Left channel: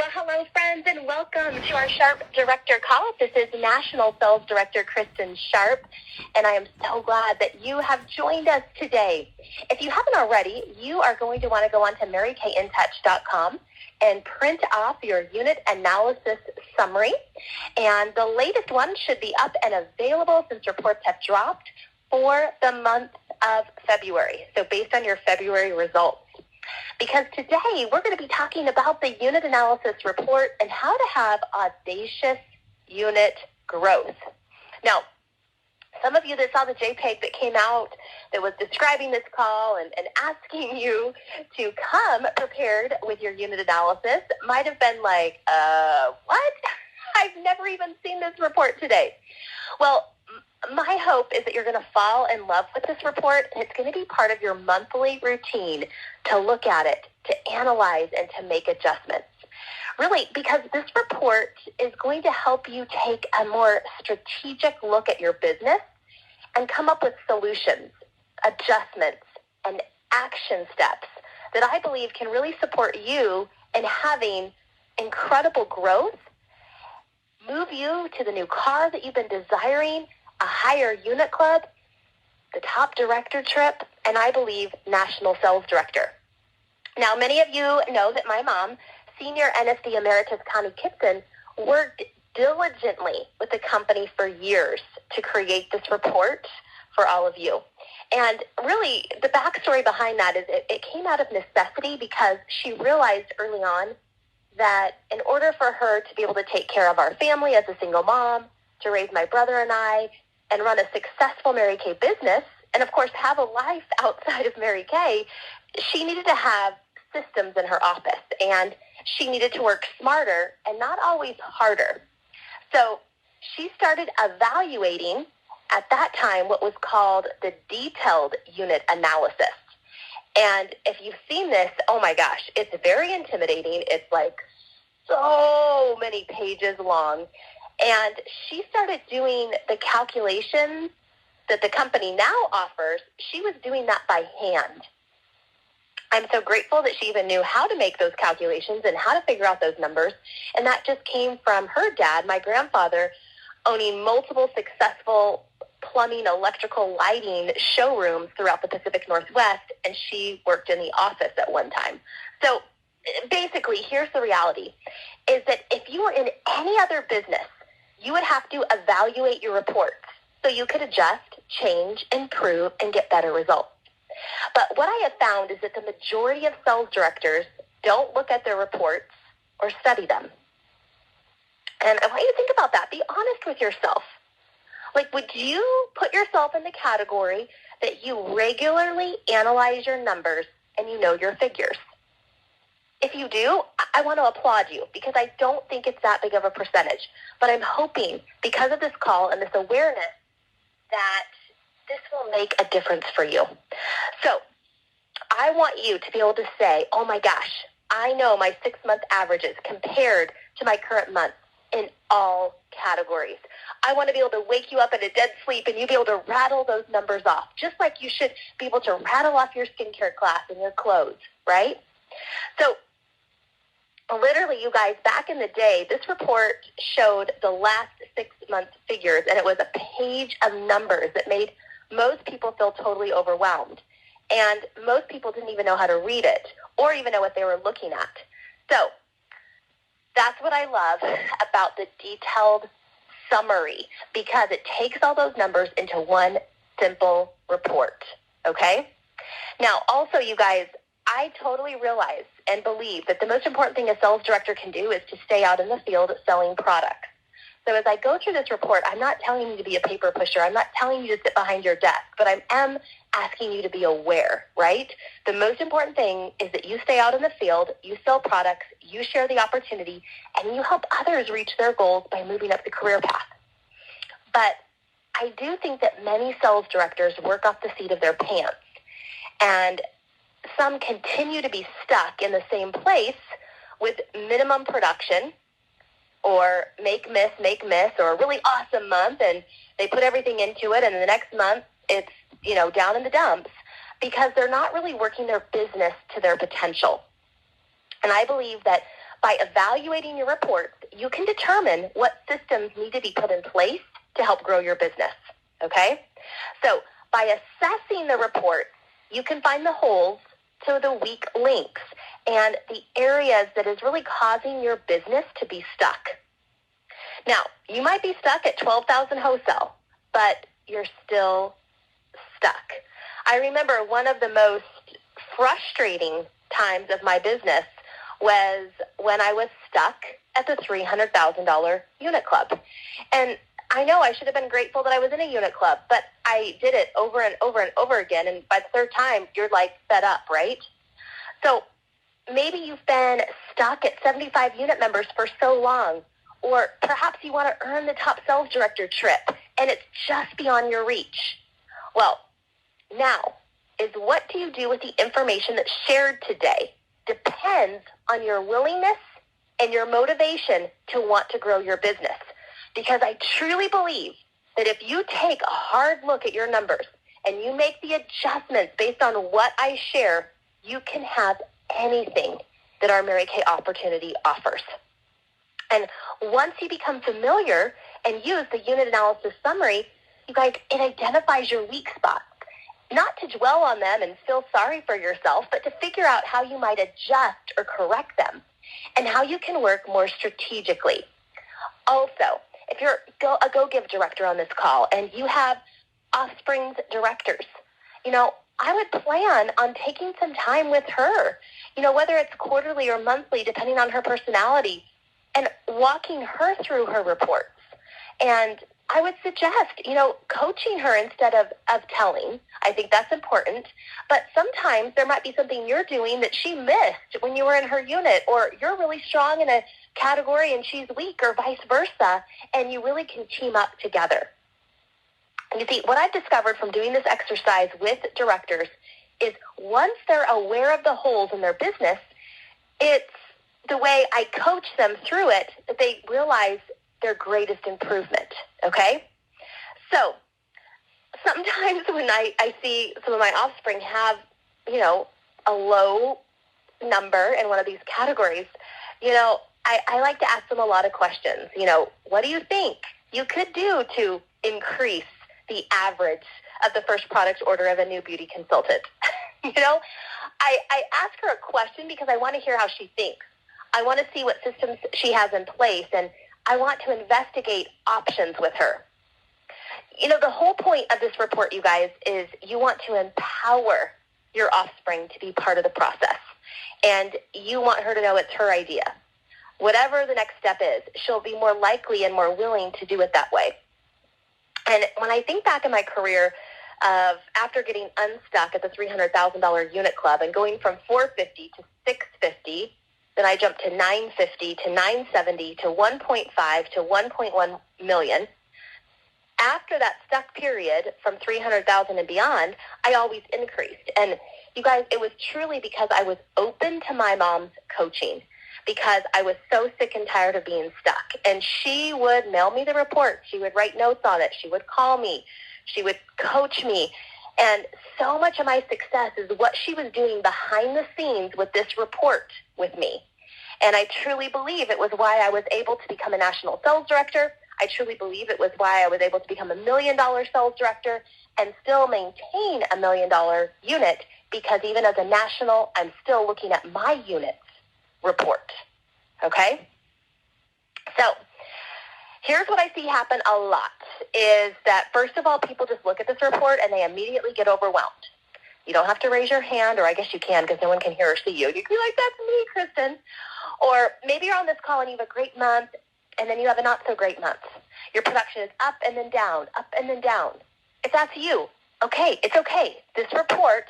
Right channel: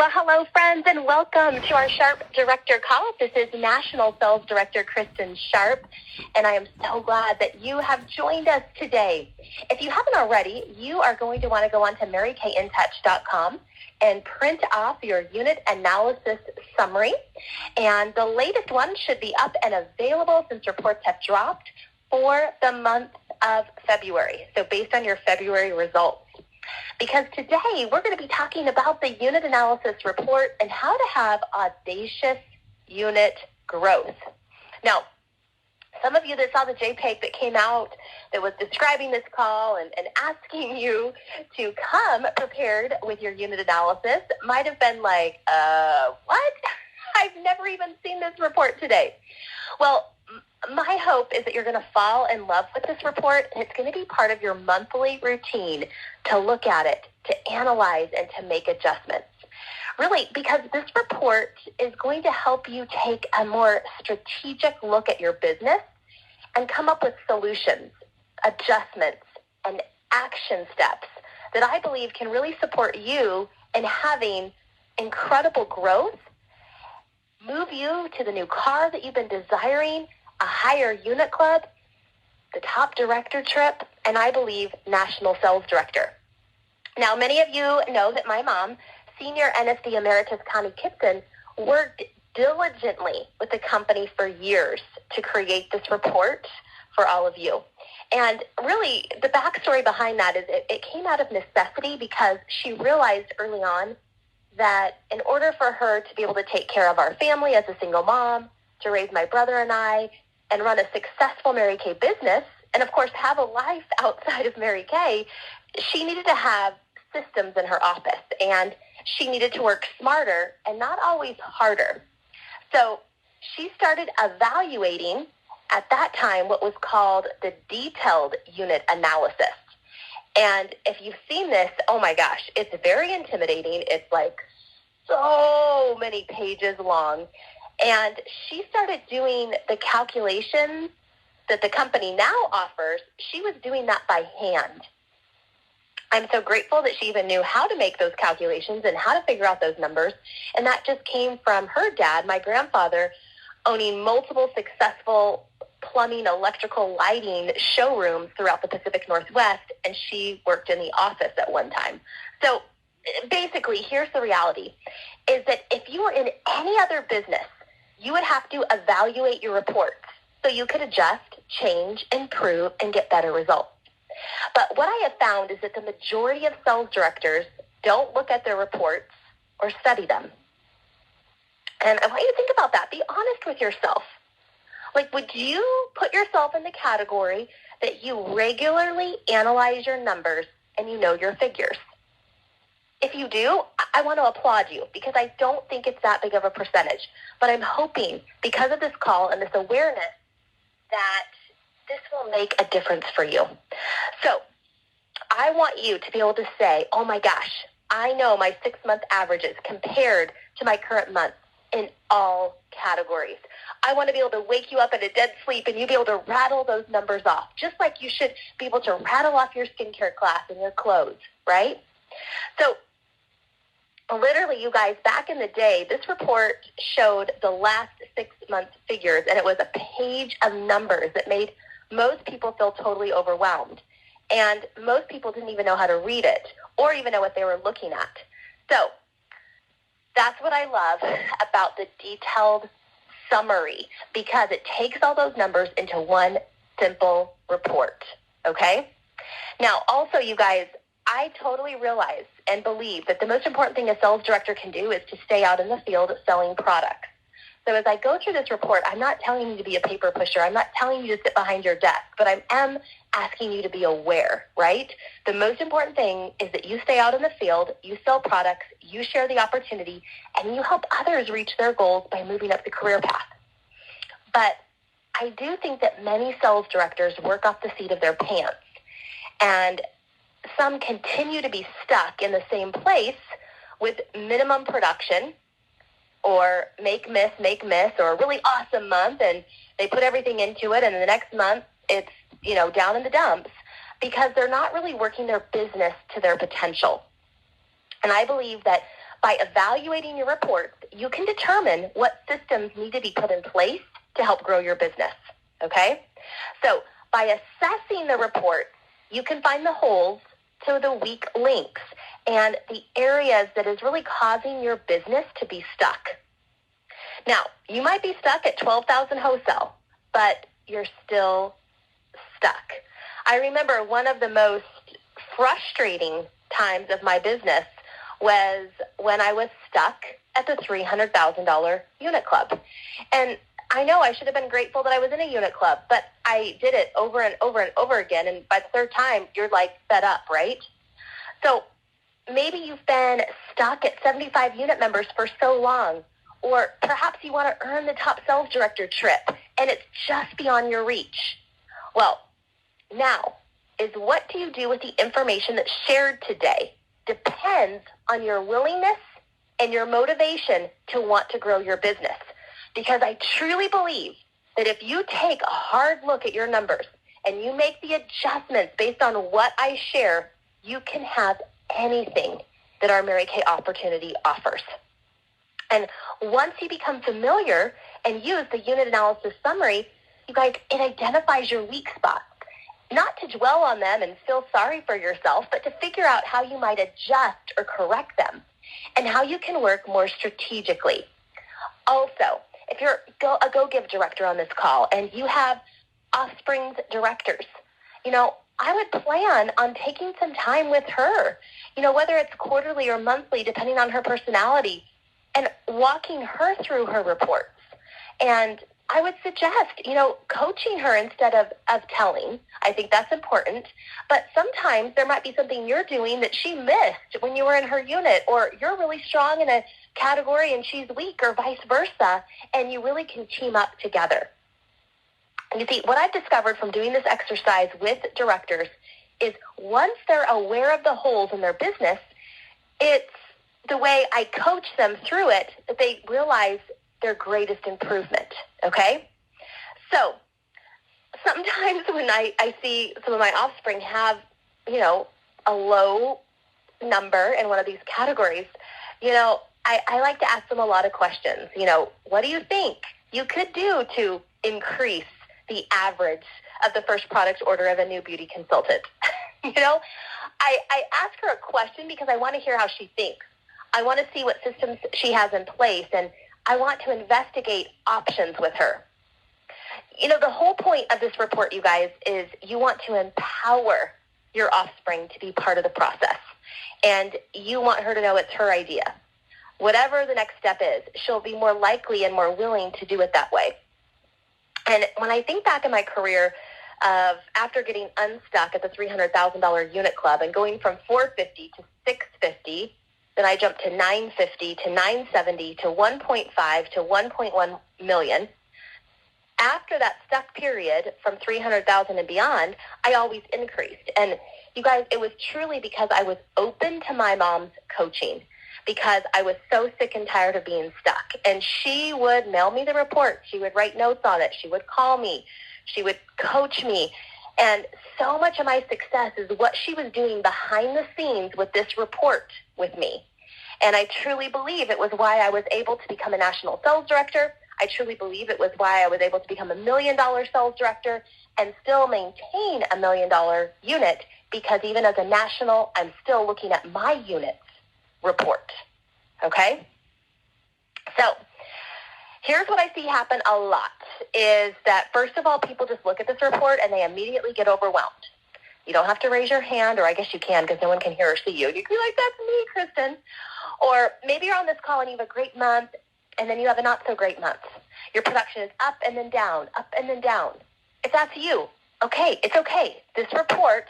Well, hello, friends, and welcome to our Sharpe Director Call. This is National Sales Director Kristin Sharpe, and I am so glad that you have joined us today. If you haven't already, you are going to want to go on to marykintouch.com and print off your unit analysis summary. And the latest one should be up and available since reports have dropped for the month of February, so based on your February results. Because today we're going to be talking about the unit analysis report and how to have audacious unit growth. Now, some of you that saw the JPEG that came out that was describing this call and asking you to come prepared with your unit analysis might have been like, what? I've never even seen this report today. Well, my hope is that you're going to fall in love with this report, and it's going to be part of your monthly routine to look at it, to analyze, and to make adjustments. Really, because this report is going to help you take a more strategic look at your business and come up with solutions, adjustments, and action steps that I believe can really support you in having incredible growth, move you to the new car that you've been desiring, a higher unit club, the top director trip, and I believe national sales director. Now, many of you know that my mom, Senior NSD Emeritus Connie Kristin, worked diligently with the company for years to create this report for all of you. And really, the backstory behind that is it came out of necessity because she realized early on that in order for her to be able to take care of our family as a single mom, to raise my brother and I, and run a successful Mary Kay business, and of course have a life outside of Mary Kay, she needed to have systems in her office, and she needed to work smarter and not always harder. So she started evaluating at that time what was called the detailed unit analysis. And if you've seen this, oh my gosh, it's very intimidating. It's like so many pages long. And she started doing the calculations that the company now offers. She was doing that by hand. I'm so grateful that she even knew how to make those calculations and how to figure out those numbers. And that just came from her dad, my grandfather, owning multiple successful plumbing, electrical, lighting showrooms throughout the Pacific Northwest, and she worked in the office at one time. So basically, here's the reality, is that if you were in any other business, you would have to evaluate your reports so you could adjust, change, improve, and get better results. But what I have found is that the majority of sales directors don't look at their reports or study them. And I want you to think about that. Be honest with yourself. Like, would you put yourself in the category that you regularly analyze your numbers and you know your figures? If you do, I want to applaud you because I don't think it's that big of a percentage. But I'm hoping, because of this call and this awareness, that this will make a difference for you. So I want you to be able to say, oh my gosh, I know my 6-month averages compared to my current month in all categories. I want to be able to wake you up in a dead sleep and you be able to rattle those numbers off, just like you should be able to rattle off your skincare class and your clothes, right? So literally, you guys, back in the day, this report showed the last 6 months figures, and it was a page of numbers that made most people feel totally overwhelmed. And most people didn't even know how to read it or even know what they were looking at. So that's what I love about the detailed summary, because it takes all those numbers into one simple report, okay? Now, also, you guys, I totally realize and believe that the most important thing a sales director can do is to stay out in the field selling products. So as I go through this report, I'm not telling you to be a paper pusher. I'm not telling you to sit behind your desk, but I am asking you to be aware, right? The most important thing is that you stay out in the field, you sell products, you share the opportunity, and you help others reach their goals by moving up the career path. But I do think that many sales directors work off the seat of their pants, and some continue to be stuck in the same place with minimum production, or make miss, or a really awesome month, and they put everything into it, and the next month it's, down in the dumps, because they're not really working their business to their potential. And I believe that By evaluating your reports, you can determine what systems need to be put in place to help grow your business, okay? So by assessing the report, you can find the holes to the weak links and the areas that is really causing your business to be stuck. Now, you might be stuck at 12,000 wholesale, but you're still stuck. I remember one of the most frustrating times of my business was when I was stuck at the $300,000 unit club. And I know I should have been grateful that I was in a unit club, but I did it over and over and over again. And by the third time, you're like fed up, right? So maybe you've been stuck at 75 unit members for so long, or perhaps you want to earn the top sales director trip and it's just beyond your reach. Well, now is what do you do with the information that's shared today depends on your willingness and your motivation to want to grow your business. Because I truly believe that if you take a hard look at your numbers and you make the adjustments based on what I share, you can have anything that our Mary Kay opportunity offers. And once you become familiar and use the unit analysis summary, it identifies your weak spots. Not to dwell on them and feel sorry for yourself, but to figure out how you might adjust or correct them and how you can work more strategically. Also, if you're a go-give director on this call and you have offspring's directors, I would plan on taking some time with her, whether it's quarterly or monthly, depending on her personality, and walking her through her reports. And I would suggest, coaching her instead of telling. I think that's important. But sometimes there might be something you're doing that she missed when you were in her unit, or you're really strong in a category and she's weak, or vice versa, and you really can team up together. And you see, what I've discovered from doing this exercise with directors is once they're aware of the holes in their business, it's the way I coach them through it that they realize their greatest improvement, okay? So sometimes when I see some of my offspring have, a low number in one of these categories, I like to ask them a lot of questions. What do you think you could do to increase the average of the first product order of a new beauty consultant? I ask her a question because I want to hear how she thinks. I want to see what systems she has in place, and I want to investigate options with her. The whole point of this report, you guys, is you want to empower your offspring to be part of the process. And you want her to know it's her idea. Whatever the next step is, she'll be more likely and more willing to do it that way. And when I think back in my career, after getting unstuck at the $300,000 unit club and going from $450 to $650, then I jumped to $950 to $970 to $1.5 to $1.1 million. After that stuck period from $300,000 and beyond, I always increased. And you guys, it was truly because I was open to my mom's coaching, because I was so sick and tired of being stuck. And she would mail me the report. She would write notes on it. She would call me. She would coach me. And so much of my success is what she was doing behind the scenes with this report with me. And I truly believe it was why I was able to become a national sales director. I truly believe it was why I was able to become $1 million sales director and still maintain $1 million unit, because even as a national, I'm still looking at my unit's report. Okay? So here's what I see happen a lot is that, first of all, people just look at this report and they immediately get overwhelmed. You don't have to raise your hand, or I guess you can because no one can hear or see you. You can be like, that's me, Kristin. Or maybe you're on this call and you have a great month, and then you have a not-so-great month. Your production is up and then down, up and then down. If that's you, okay, it's okay. This report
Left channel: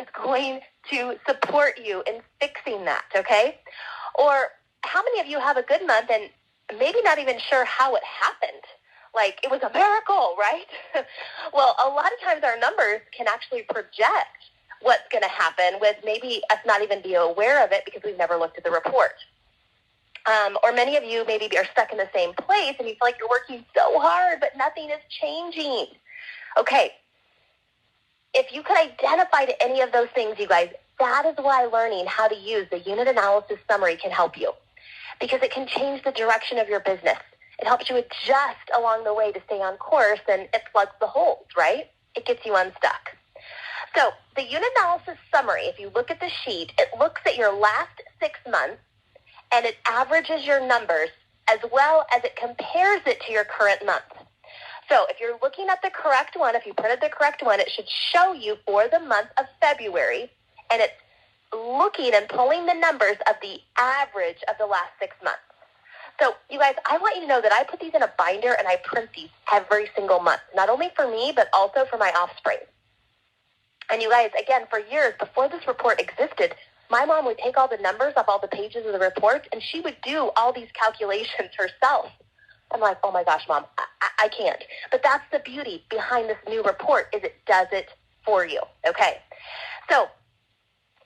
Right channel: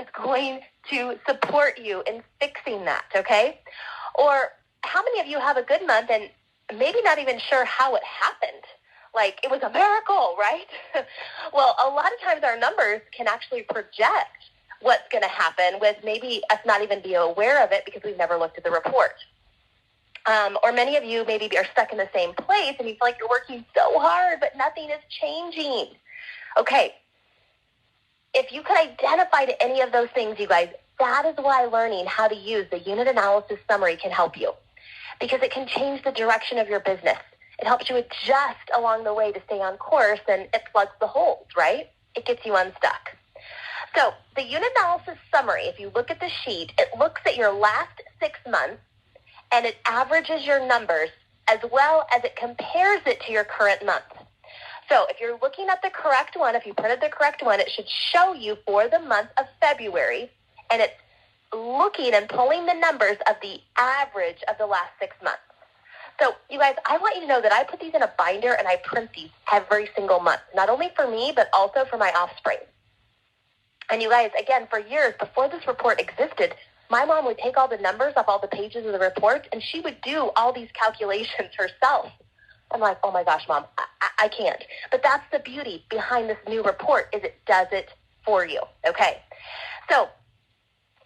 is going to support you in fixing that, okay? Or how many of you have a good month and maybe not even sure how it happened? Like, it was a miracle, right? Well, a lot of times our numbers can actually project what's going to happen with maybe us not even being aware of it because we've never looked at the report. Or many of you maybe are stuck in the same place and you feel like you're working so hard, but nothing is changing. Okay. If you can identify to any of those things, you guys, that is why learning how to use the unit analysis summary can help you. because it can change the direction of your business. It helps you adjust along the way to stay on course, and it plugs the holes, right? It gets you unstuck. So the unit analysis summary, if you look at the sheet, it looks at your last 6 months, and it averages your numbers as well as it compares it to your current month. So if you're looking at the correct one, if you put it the correct one, it should show you for the month of February, and it's looking and pulling the numbers of the average of the last 6 months. So, you guys, I want you to know that I put these in a binder and I print these every single month, not only for me, but also for my offspring. And you guys, again, for years, before this report existed, my mom would take all the numbers off all the pages of the report, and she would do all these calculations herself. I'm like, oh my gosh, Mom, I can't. But that's the beauty behind this new report, is it does it for you, okay? So,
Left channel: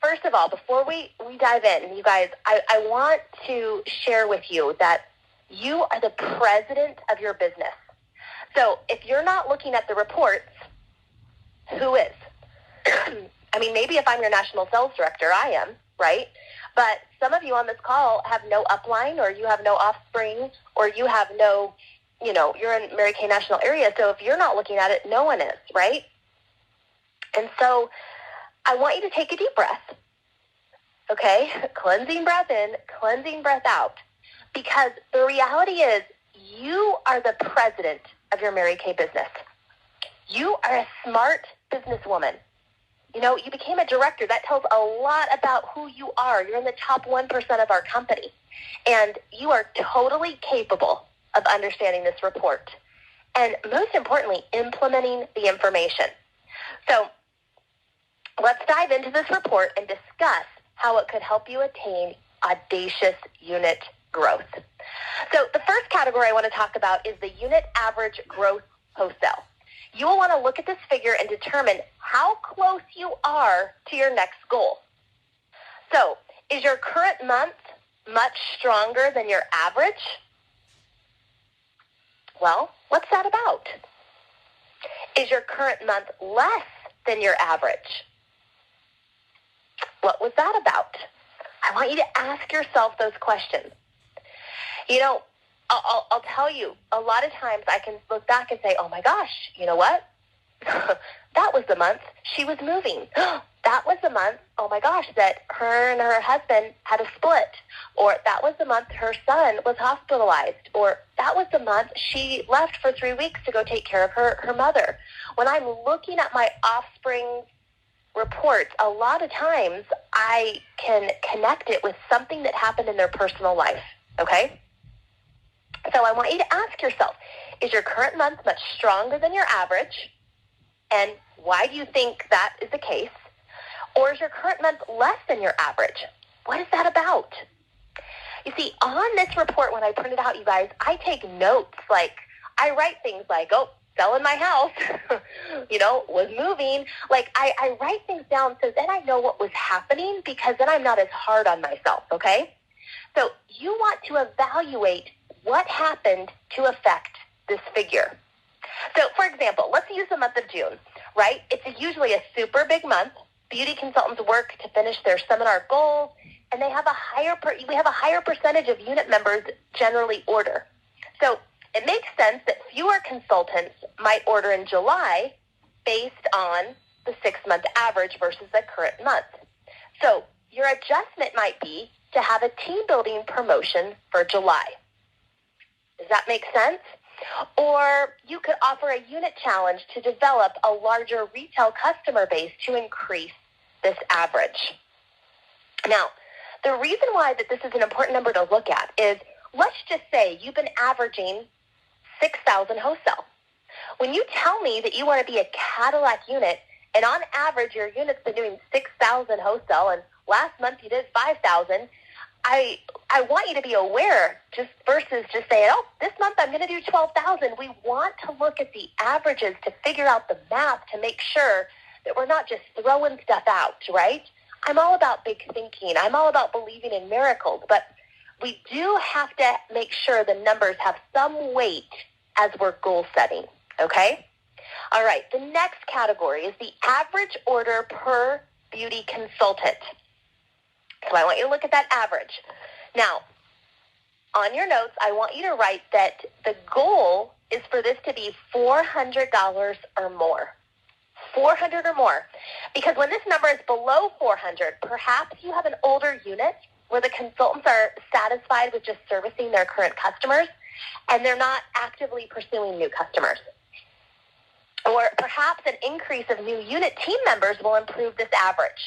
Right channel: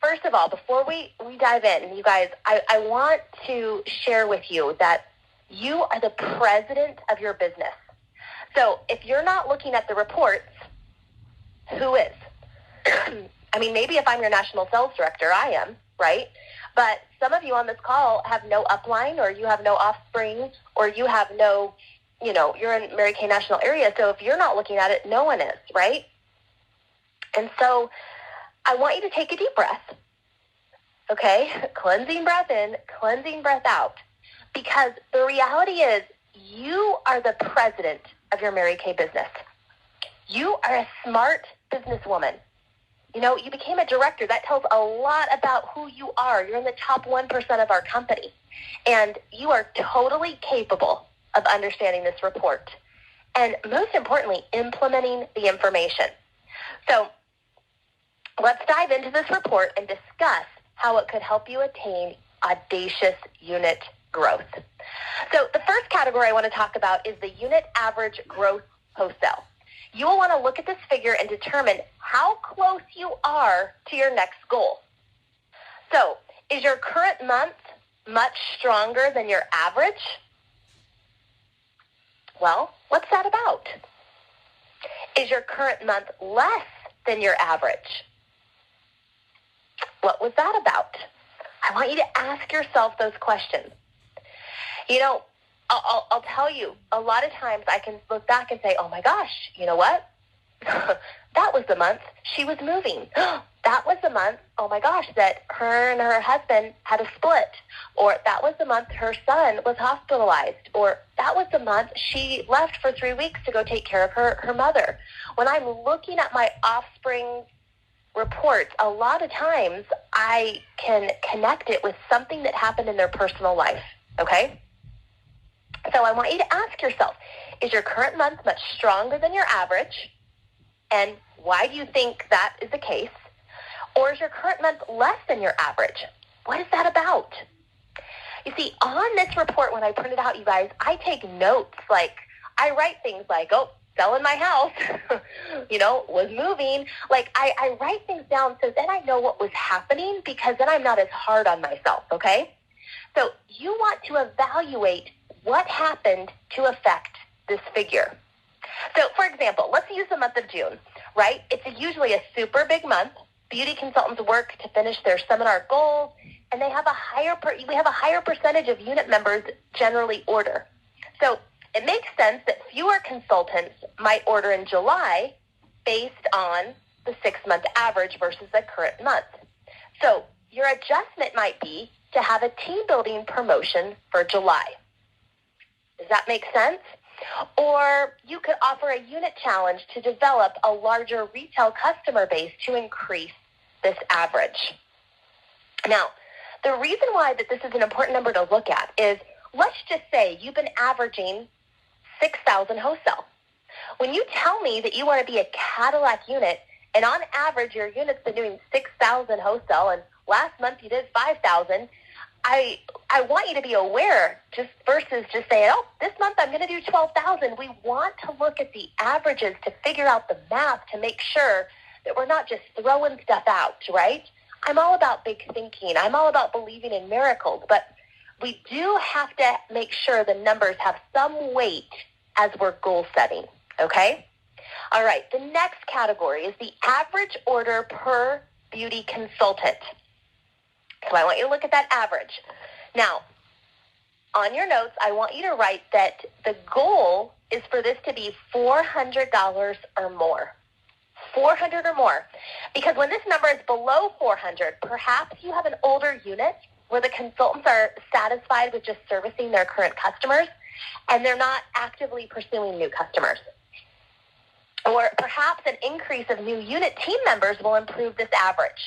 first of all, before we dive in, you guys, I want to share with you that you are the president of your business. So if you're not looking at the report, who is? I mean, maybe if I'm your national sales director, I am, right? But some of you on this call have no upline, or you have no offspring, or you have no, you're in Mary Kay National area. So if you're not looking at it, no one is, right? And so I want you to take a deep breath, okay? Cleansing breath in, cleansing breath out. Because the reality is, you are the president of your Mary Kay business. You are a smart businesswoman. You became a director. That tells a lot about who you are. You're in the top 1% of our company. And you are totally capable of understanding this report. And most importantly, implementing the information. So let's dive into this report and discuss how it could help you attain audacious unit growth. So the first category I want to talk about is the unit average growth wholesale. You will want to look at this figure and determine how close you are to your next goal. So, is your current month much stronger than your average? Well, what's that about? Is your current month less than your average? What was that about? I want you to ask yourself those questions. I'll tell you, a lot of times I can look back and say, oh my gosh, you know what? That was the month she was moving. That was the month, oh my gosh, that her and her husband had a split. Or that was the month her son was hospitalized. Or that was the month she left for 3 weeks to go take care of her mother. When I'm looking at my offspring report, a lot of times I can connect it with something that happened in their personal life, okay? So I want you to ask yourself, is your current month much stronger than your average? And why do you think that is the case? Or is your current month less than your average? What is that about? You see, on this report, when I print it out, you guys, I take notes. Like, I write things like, selling my house, was moving. Like, I write things down so then I know what was happening, because then I'm not as hard on myself, okay? So you want to evaluate what happened to affect this figure. So, for example, let's use the month of June, right? It's usually a super big month. Beauty consultants work to finish their seminar goals, and we have a higher percentage of unit members generally order. So it makes sense that fewer consultants might order in July based on the 6-month average versus the current month. So your adjustment might be to have a team building promotion for July. Does that make sense? Or you could offer a unit challenge to develop a larger retail customer base to increase this average. Now, the reason why that this is an important number to look at is, let's just say you've been averaging 6,000 wholesale. When you tell me that you want to be a Cadillac unit, and on average your unit's been doing 6,000 wholesale, and last month you did 5,000, I want you to be aware, just versus just saying, this month I'm going to do 12,000. We want to look at the averages to figure out the math to make sure that we're not just throwing stuff out, right? I'm all about big thinking. I'm all about believing in miracles, but we do have to make sure the numbers have some weight as we're goal setting, okay? All right, the next category is the average order per beauty consultant. So I want you to look at that average. Now, on your notes, I want you to write that the goal is for this to be $400 or more. 400 or more. Because when this number is below 400, perhaps you have an older unit where the consultants are satisfied with just servicing their current customers and they're not actively pursuing new customers. Or perhaps an increase of new unit team members will improve this average.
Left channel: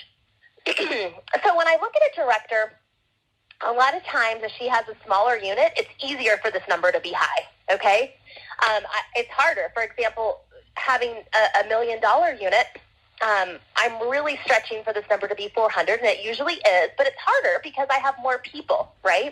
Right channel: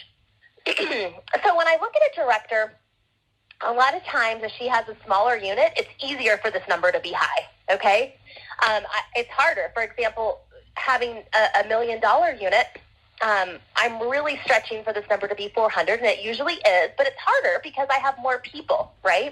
So when I look at a director, a lot of times if she has a smaller unit, it's easier for this number to be high, okay? It's harder. For example, having a $1 million unit, I'm really stretching for this number to be 400, and it usually is, but it's harder because I have more people, right?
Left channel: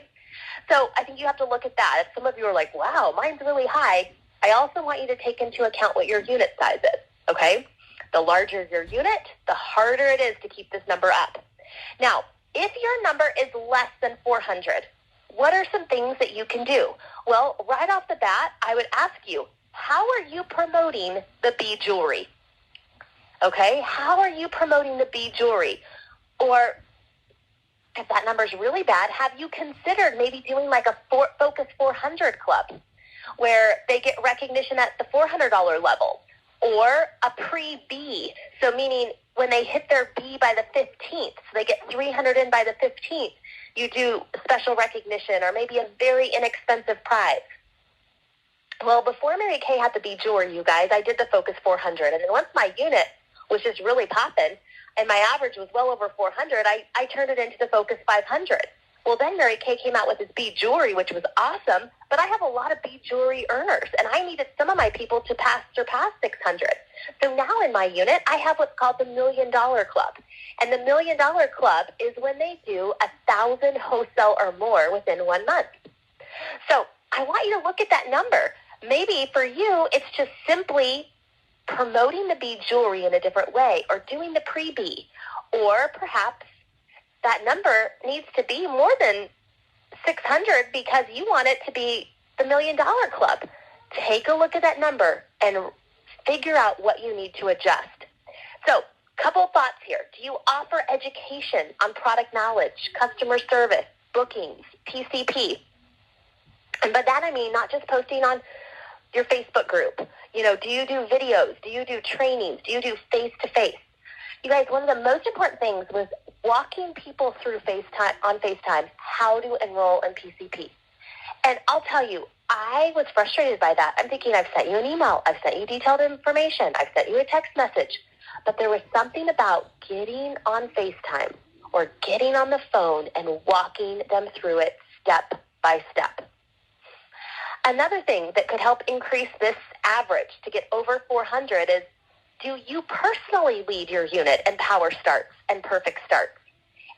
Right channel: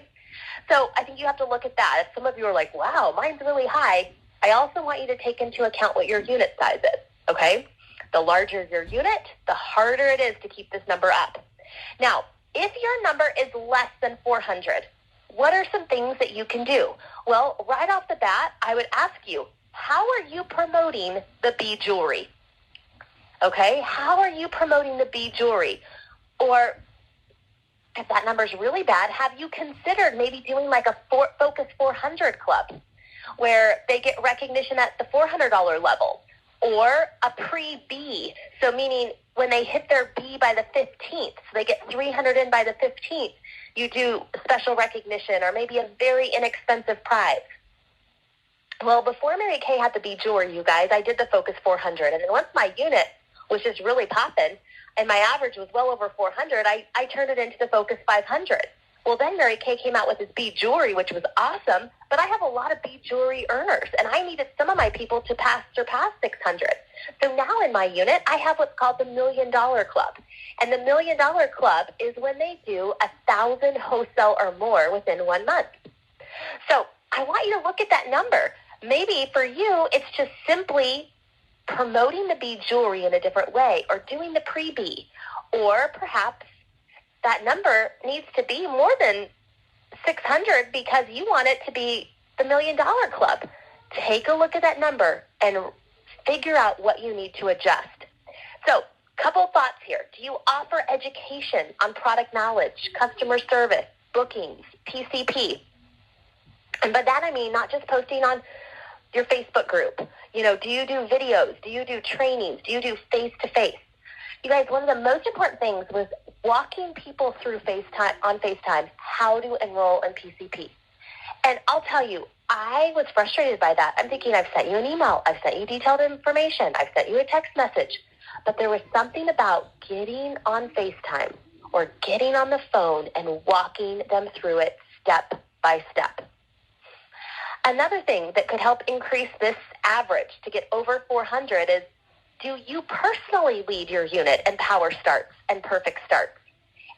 So I think you have to look at that. If some of you are like, wow, mine's really high, I also want you to take into account what your unit size is, okay? The larger your unit, the harder it is to keep this number up. Now, if your number is less than 400, what are some things that you can do? Well, right off the bat, I would ask you, how are you promoting the bead jewelry? Okay, how are you promoting the bead jewelry? Or if that number is really bad, have you considered maybe doing like a Focus 400 club where they get recognition at the $400 level? Or a pre-B, so meaning when they hit their B by the 15th, so they get 300 in by the 15th, you do special recognition or maybe a very inexpensive prize. Well, before Mary Kay had the bead jewelry, you guys, I did the Focus 400. And then once my unit was just really popping and my average was well over 400, I turned it into the Focus 500. Well, then Mary Kay came out with this bead jewelry, which was awesome, but I have a lot of bead jewelry earners, and I needed some of my people to surpass 600. So now in my unit, I have what's called the $1 Million Club. And the $1 Million Club is when they do 1,000 wholesale or more within 1 month. So I want you to look at that number. Maybe for you, it's just simply promoting the bead jewelry in a different way or doing the pre-B, or perhaps that number needs to be more than 600 because you want it to be the $1 Million Club. Take a look at that number and figure out what you need to adjust. So, couple thoughts here. Do you offer education on product knowledge, customer service, bookings, PCP? And by that I mean not just posting on your Facebook group. You know, do you do videos? Do you do trainings? Do you do face-to-face? You guys, one of the most important things was walking people through FaceTime how to enroll in PCP. And I'll tell you, I was frustrated by that. I'm thinking, I've sent you an email, I've sent you detailed information, I've sent you a text message. But there was something about getting on FaceTime or getting on the phone and walking them through it step by step. Another thing that could help increase this average to get over 400 is, do you personally lead your unit in power starts and perfect starts?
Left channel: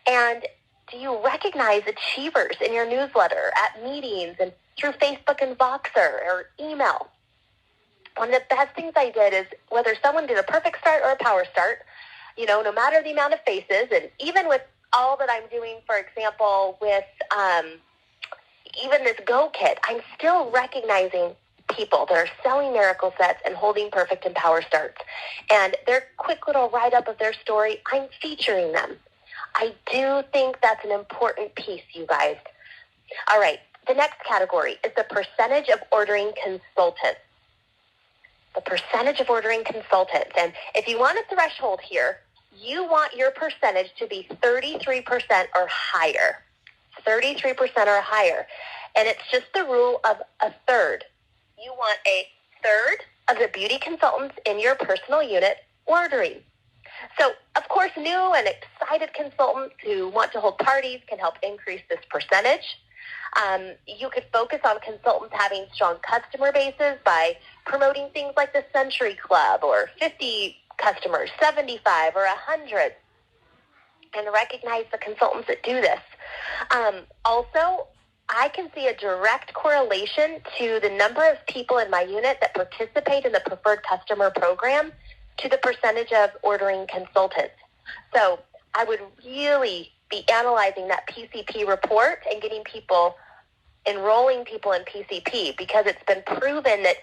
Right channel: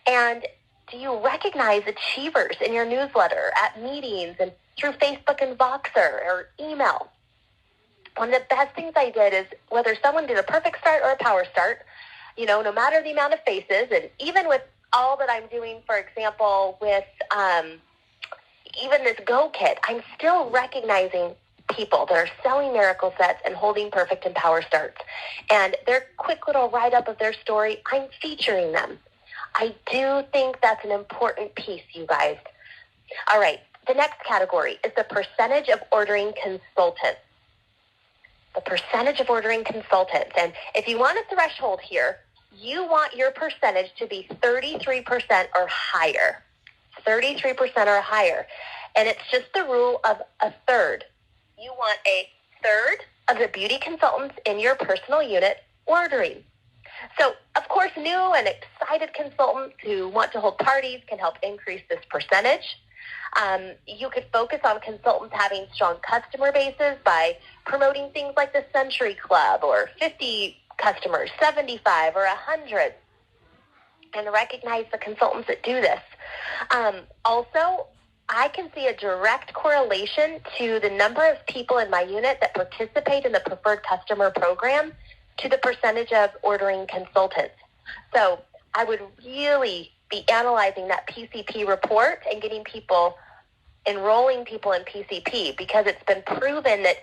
And do you recognize achievers in your newsletter, at meetings, and through Facebook and Voxer or email? One of the best things I did is, whether someone did a perfect start or a power start, you know, no matter the amount of faces, and even with all that I'm doing, for example, with even this Go Kit, I'm still recognizing people that are selling miracle sets and holding perfect and power starts. And their quick little write-up of their story, I'm featuring them. I do think that's an important piece, you guys. All right, the next category is the percentage of ordering consultants. The percentage of ordering consultants. And if you want a threshold here, you want your percentage to be 33% or higher. 33% or higher. And it's just the rule of a third. You want a third of the beauty consultants in your personal unit ordering. So, of course, new and excited consultants who want to hold parties can help increase this percentage. You could focus on consultants having strong customer bases by promoting things like the Century Club or 50 customers, 75 or 100, and recognize the consultants that do this. Also, I can see a direct correlation to the number of people in my unit that participate in the preferred customer program to the percentage of ordering consultants. So I would really be analyzing that PCP report and getting people, enrolling people in PCP, because it's been proven that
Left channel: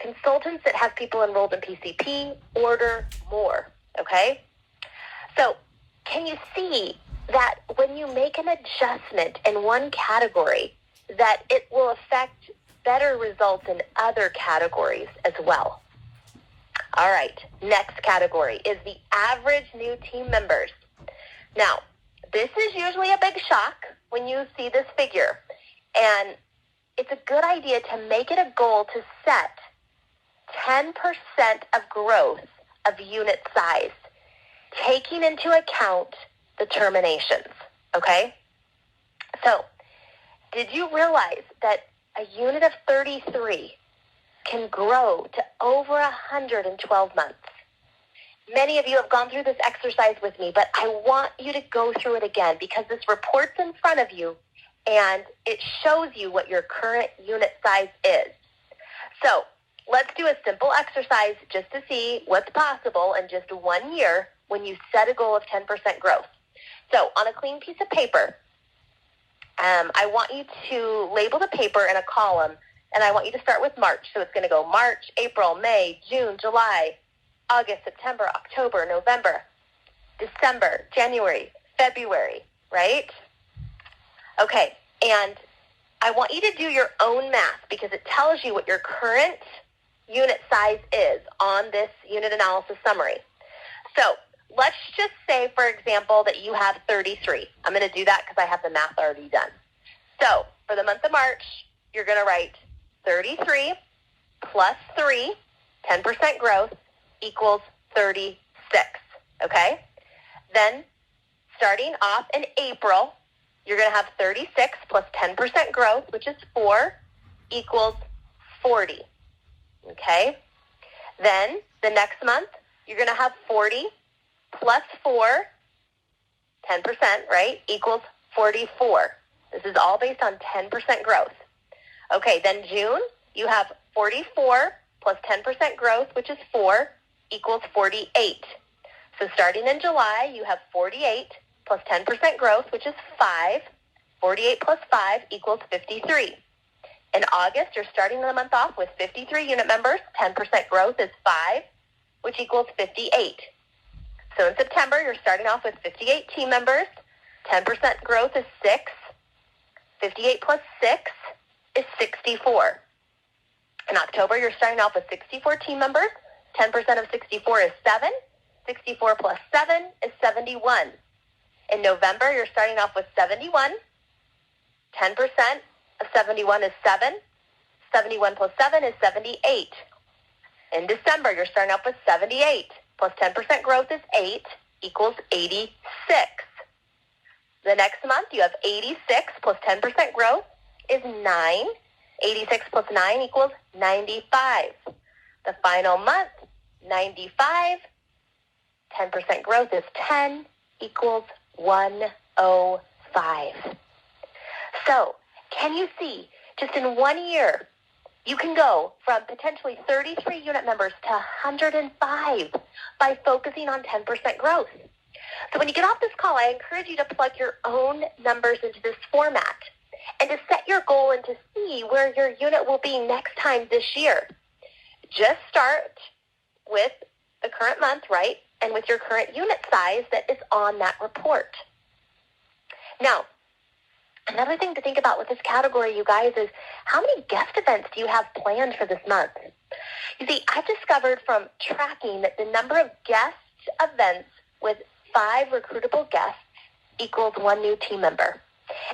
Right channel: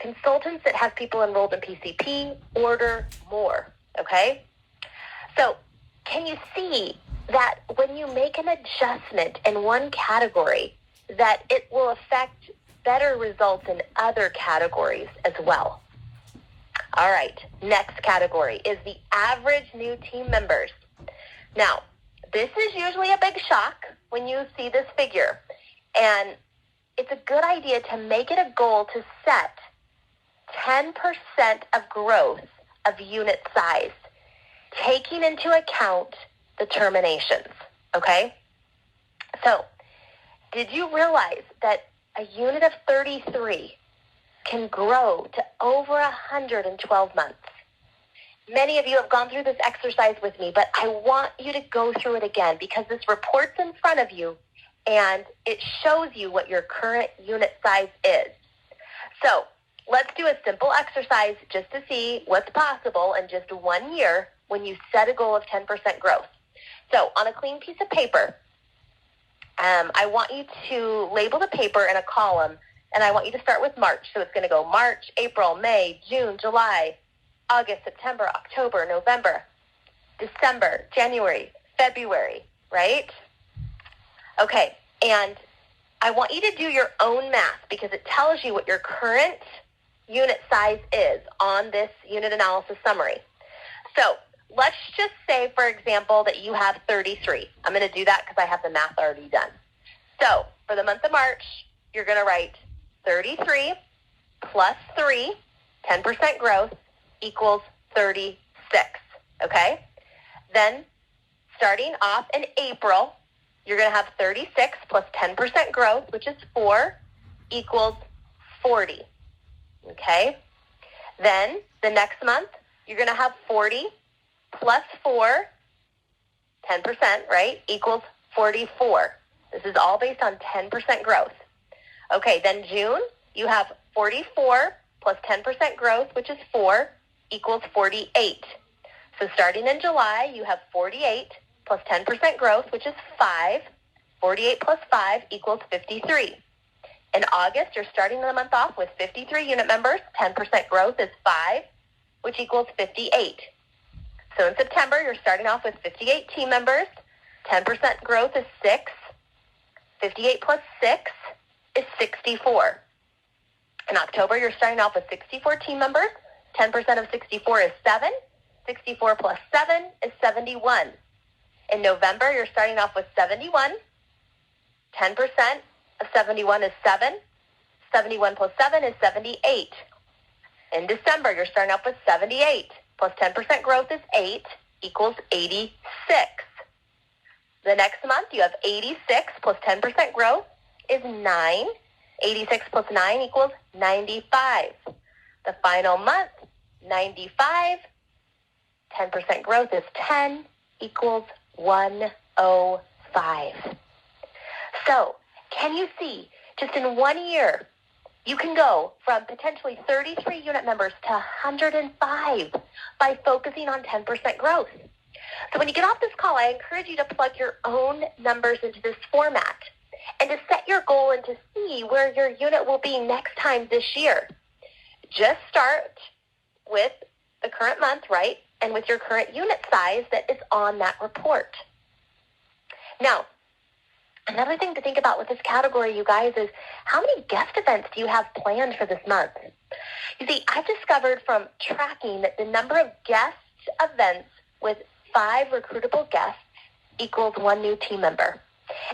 consultants that have people enrolled in PCP order more, okay? So can you see that when you make an adjustment in one category, that it will affect better results in other categories as well. All right, next category is the average new team members. Now, this is usually a big shock when you see this figure, and it's a good idea to make it a goal to set 10% of growth of unit size, taking into account the terminations, okay? So, did you realize that a unit of 33 can grow to over 112 months? Many of you have gone through this exercise with me, but I want you to go through it again because this report's in front of you and it shows you what your current unit size is. So let's do a simple exercise just to see what's possible in just 1 year when you set a goal of 10% growth. So on a clean piece of paper, I want you to label the paper in a column, and I want you to start with March. So it's going to go March, April, May, June, July, August, September, October, November, December, January, February, right? Okay, and I want you to do your own math because it tells you what your current unit size is on this unit analysis summary. So let's just say, for example, that you have 33. I'm going to do that because I have the math already done. So for the month of March, you're going to write 33 plus 3, 10% growth, equals 36, okay? Then starting off in April, you're going to have 36 plus 10% growth, which is 4, equals 40, okay? Then the next month, you're going to have 40 plus 4, 10%, right, equals 44. This is all based on 10% growth. Okay, then June, you have 44 plus 10% growth, which is 4, equals 48. So starting in July, you have 48 plus 10% growth, which is 5. 48 plus 5 equals 53. In August, you're starting the month off with 53 unit members. 10% growth is 5, which equals 58. So in September, you're starting off with 58 team members. 10% growth is 6. 58 plus 6 is 64. In October, you're starting off with 64 team members. 10% of 64 is 7. 64 plus 7 is 71. In November, you're starting off with 71. 10% of 71 is 7. 71 plus 7 is 78. In December, you're starting off with 78. Plus 10% growth is 8, equals 86. The next month, you have 86 plus 10% growth is 9. 86 plus 9 equals 95. The final month, 95, 10% growth is 10, equals 105. So, can you see, just in 1 year, you can go from potentially 33 unit members to 105 by focusing on 10% growth. So when you get off this call, I encourage you to plug your own numbers into this format and to set your goal and to see where your unit will be next time this year. Just start with the current month, right, and with your current unit size that is on that report. Now, another thing to think about with this category, you guys, is how many guest events do you have planned for this month? You see, I've discovered from tracking that the number of guest events with 5 recruitable guests equals 1 new team member.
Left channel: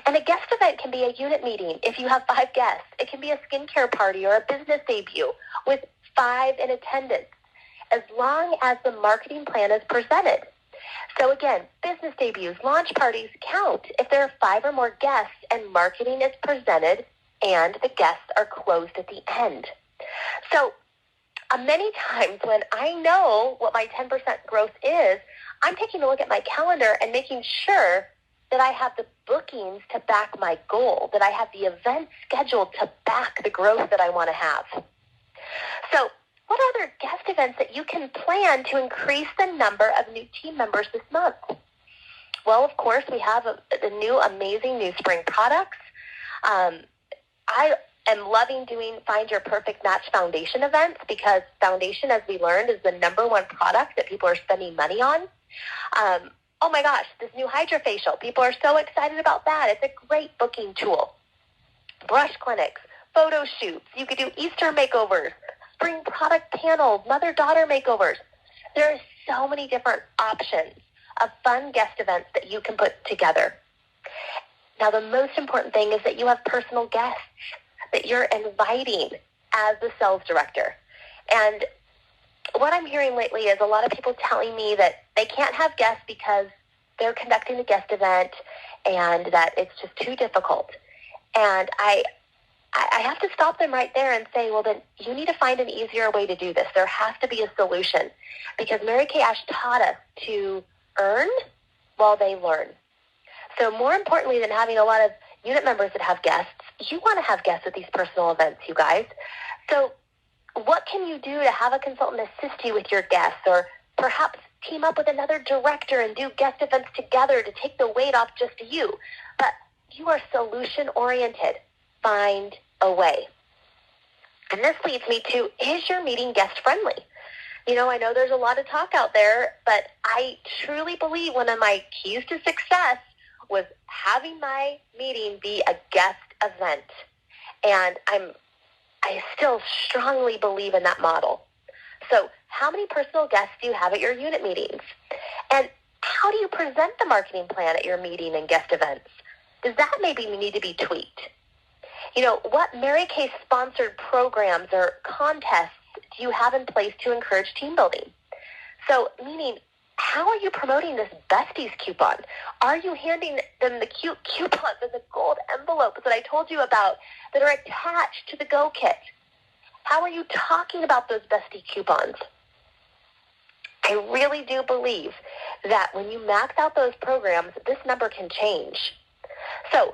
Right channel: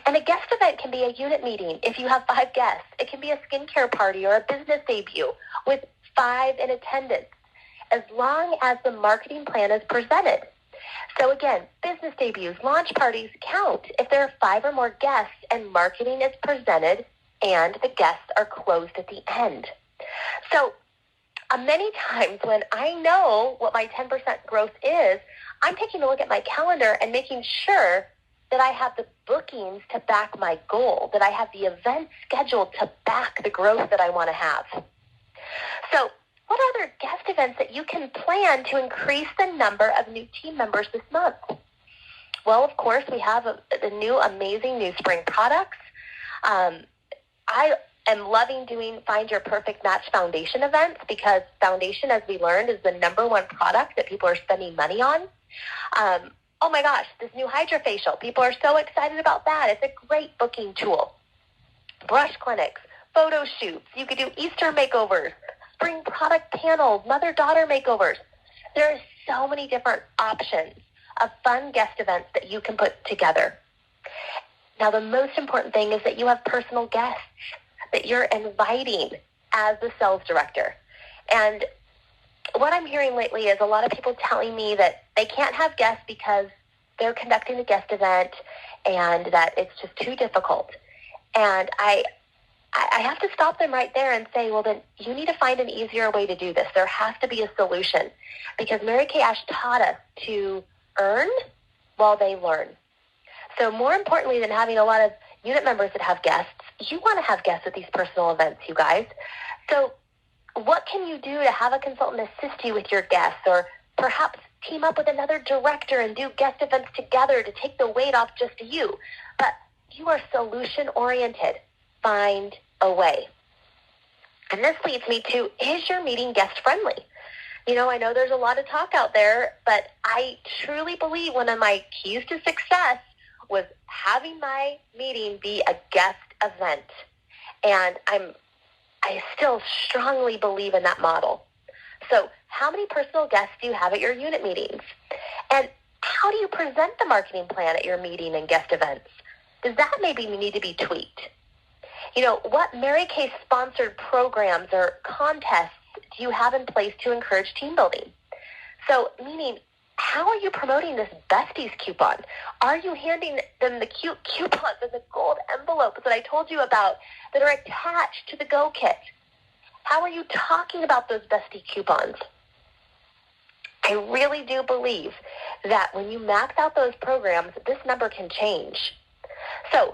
And a guest event can be a unit meeting if you have 5 guests. It can be a skincare party or a business debut with 5 in attendance, as long as the marketing plan is presented. So again, business debuts, launch parties count if there are 5 or more guests and marketing is presented and the guests are closed at the end. So many times when I know what my 10% growth is, I'm taking a look at my calendar and making sure that I have the bookings to back my goal, that I have the events scheduled to back the growth that I want to have. So what other guest events that you can plan to increase the number of new team members this month? Well, of course, we have the new amazing new spring products. I am loving doing Find Your Perfect Match foundation events because foundation, as we learned, is the #1 product that people are spending money on. Oh my gosh, this new hydrofacial. People are so excited about that. It's a great booking tool. brush clinics, photo shoots. You could do Easter makeovers, spring product panels, mother-daughter makeovers. There are so many different options of fun guest events that you can put together. Now, the most important thing is that you have personal guests that you're inviting as the sales director. And what I'm hearing lately is a lot of people telling me that they can't have guests because they're conducting a guest event and that it's just too difficult. And I have to stop them right there and say, well, then you need to find an easier way to do this. There has to be a solution, because Mary Kay Ash taught us to earn while they learn. So more importantly than having a lot of unit members that have guests, you want to have guests at these personal events, you guys. So what can you do to have a consultant assist you with your guests, or perhaps team up with another director and do guest events together to take the weight off just you? But you are solution-oriented. Find a way. And this leads me to, is your meeting guest-friendly? You know, I know there's a lot of talk out there, but I truly believe one of my keys to success was having my meeting be a guest event. And I still strongly believe in that model. So how many personal guests do you have at your unit meetings? And how do you present the marketing plan at your meeting and guest events? Does that maybe need to be tweaked? You know, what Mary Kay sponsored programs or contests do you have in place to encourage team building? So, meaning, how are you promoting this Besties coupon? Are you handing them the cute coupons and the gold envelopes that I told you about that are attached to the Go Kit? How are you talking about those Bestie coupons? I really do believe that when you max out those programs, this number can change. So,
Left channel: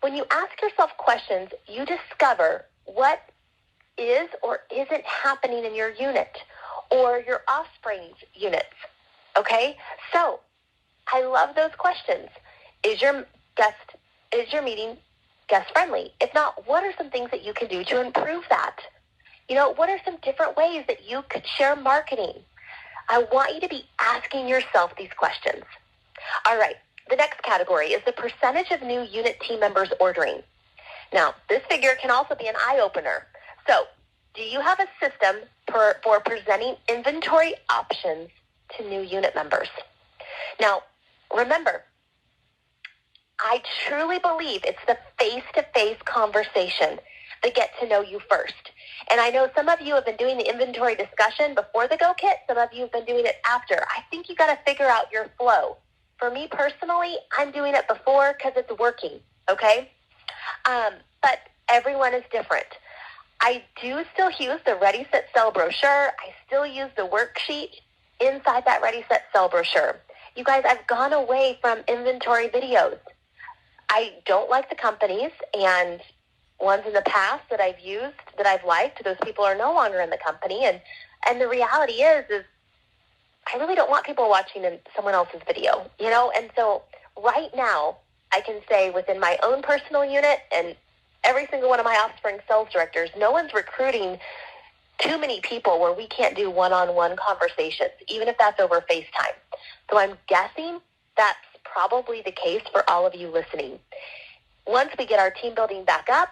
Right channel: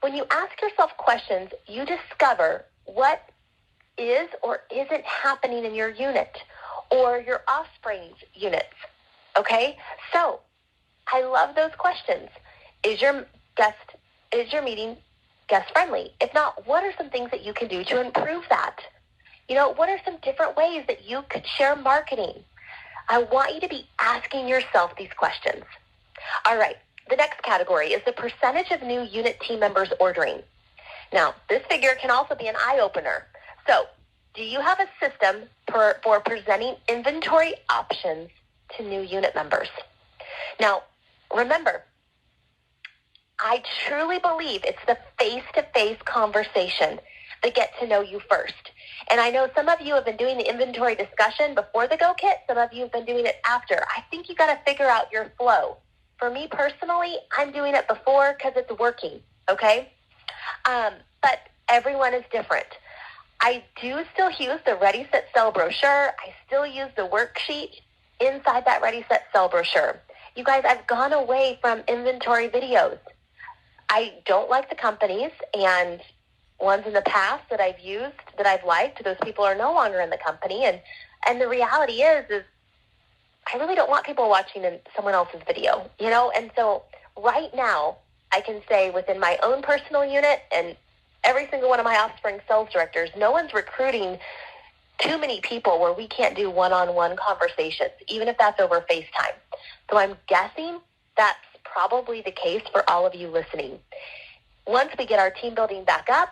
when you ask yourself questions, you discover what is or isn't happening in your unit or your offspring's units. Okay? So, I love those questions. Is your meeting guest friendly? If not, what are some things that you can do to improve that? You know, what are some different ways that you could share marketing? I want you to be asking yourself these questions. All right. The next category is the percentage of new unit team members ordering. Now, this figure can also be an eye-opener. So, do you have a system for presenting inventory options to new unit members? Now, remember, I truly believe it's the face-to-face conversation that gets to know you first. And I know some of you have been doing the inventory discussion before the Go Kit. Some of you have been doing it after. I think you got to figure out your flow. For me personally, I'm doing it before because it's working, okay? But everyone is different. I do still use the Ready, Set, Sell brochure. I still use the worksheet inside that Ready, Set, Sell brochure. You guys, I've gone away from inventory videos. I don't like the companies, and ones in the past that I've used, that I've liked, those people are no longer in the company. And the reality is I really don't want people watching in someone else's video, you know? And so right now, I can say within my own personal unit and every single one of my offspring sales directors, no one's recruiting too many people where we can't do one-on-one conversations, even if that's over FaceTime. So I'm guessing that's probably the case for all of you listening. Once we get our team building back up,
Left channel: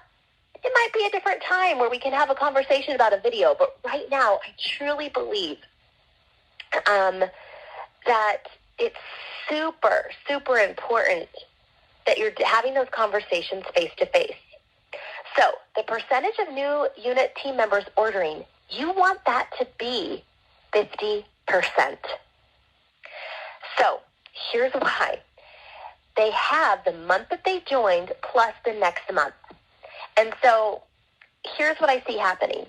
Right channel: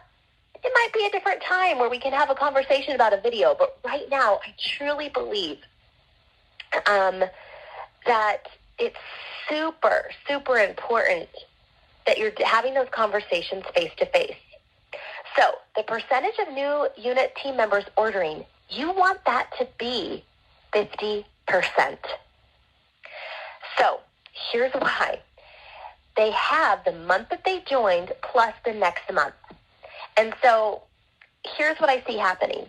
it might be a different time where we can have a conversation about a video. But right now, I truly believe that it's super, super important that you're having those conversations face-to-face. So the percentage of new unit team members ordering, you want that to be 50%. So here's why. They have the month that they joined plus the next month. And so here's what I see happening.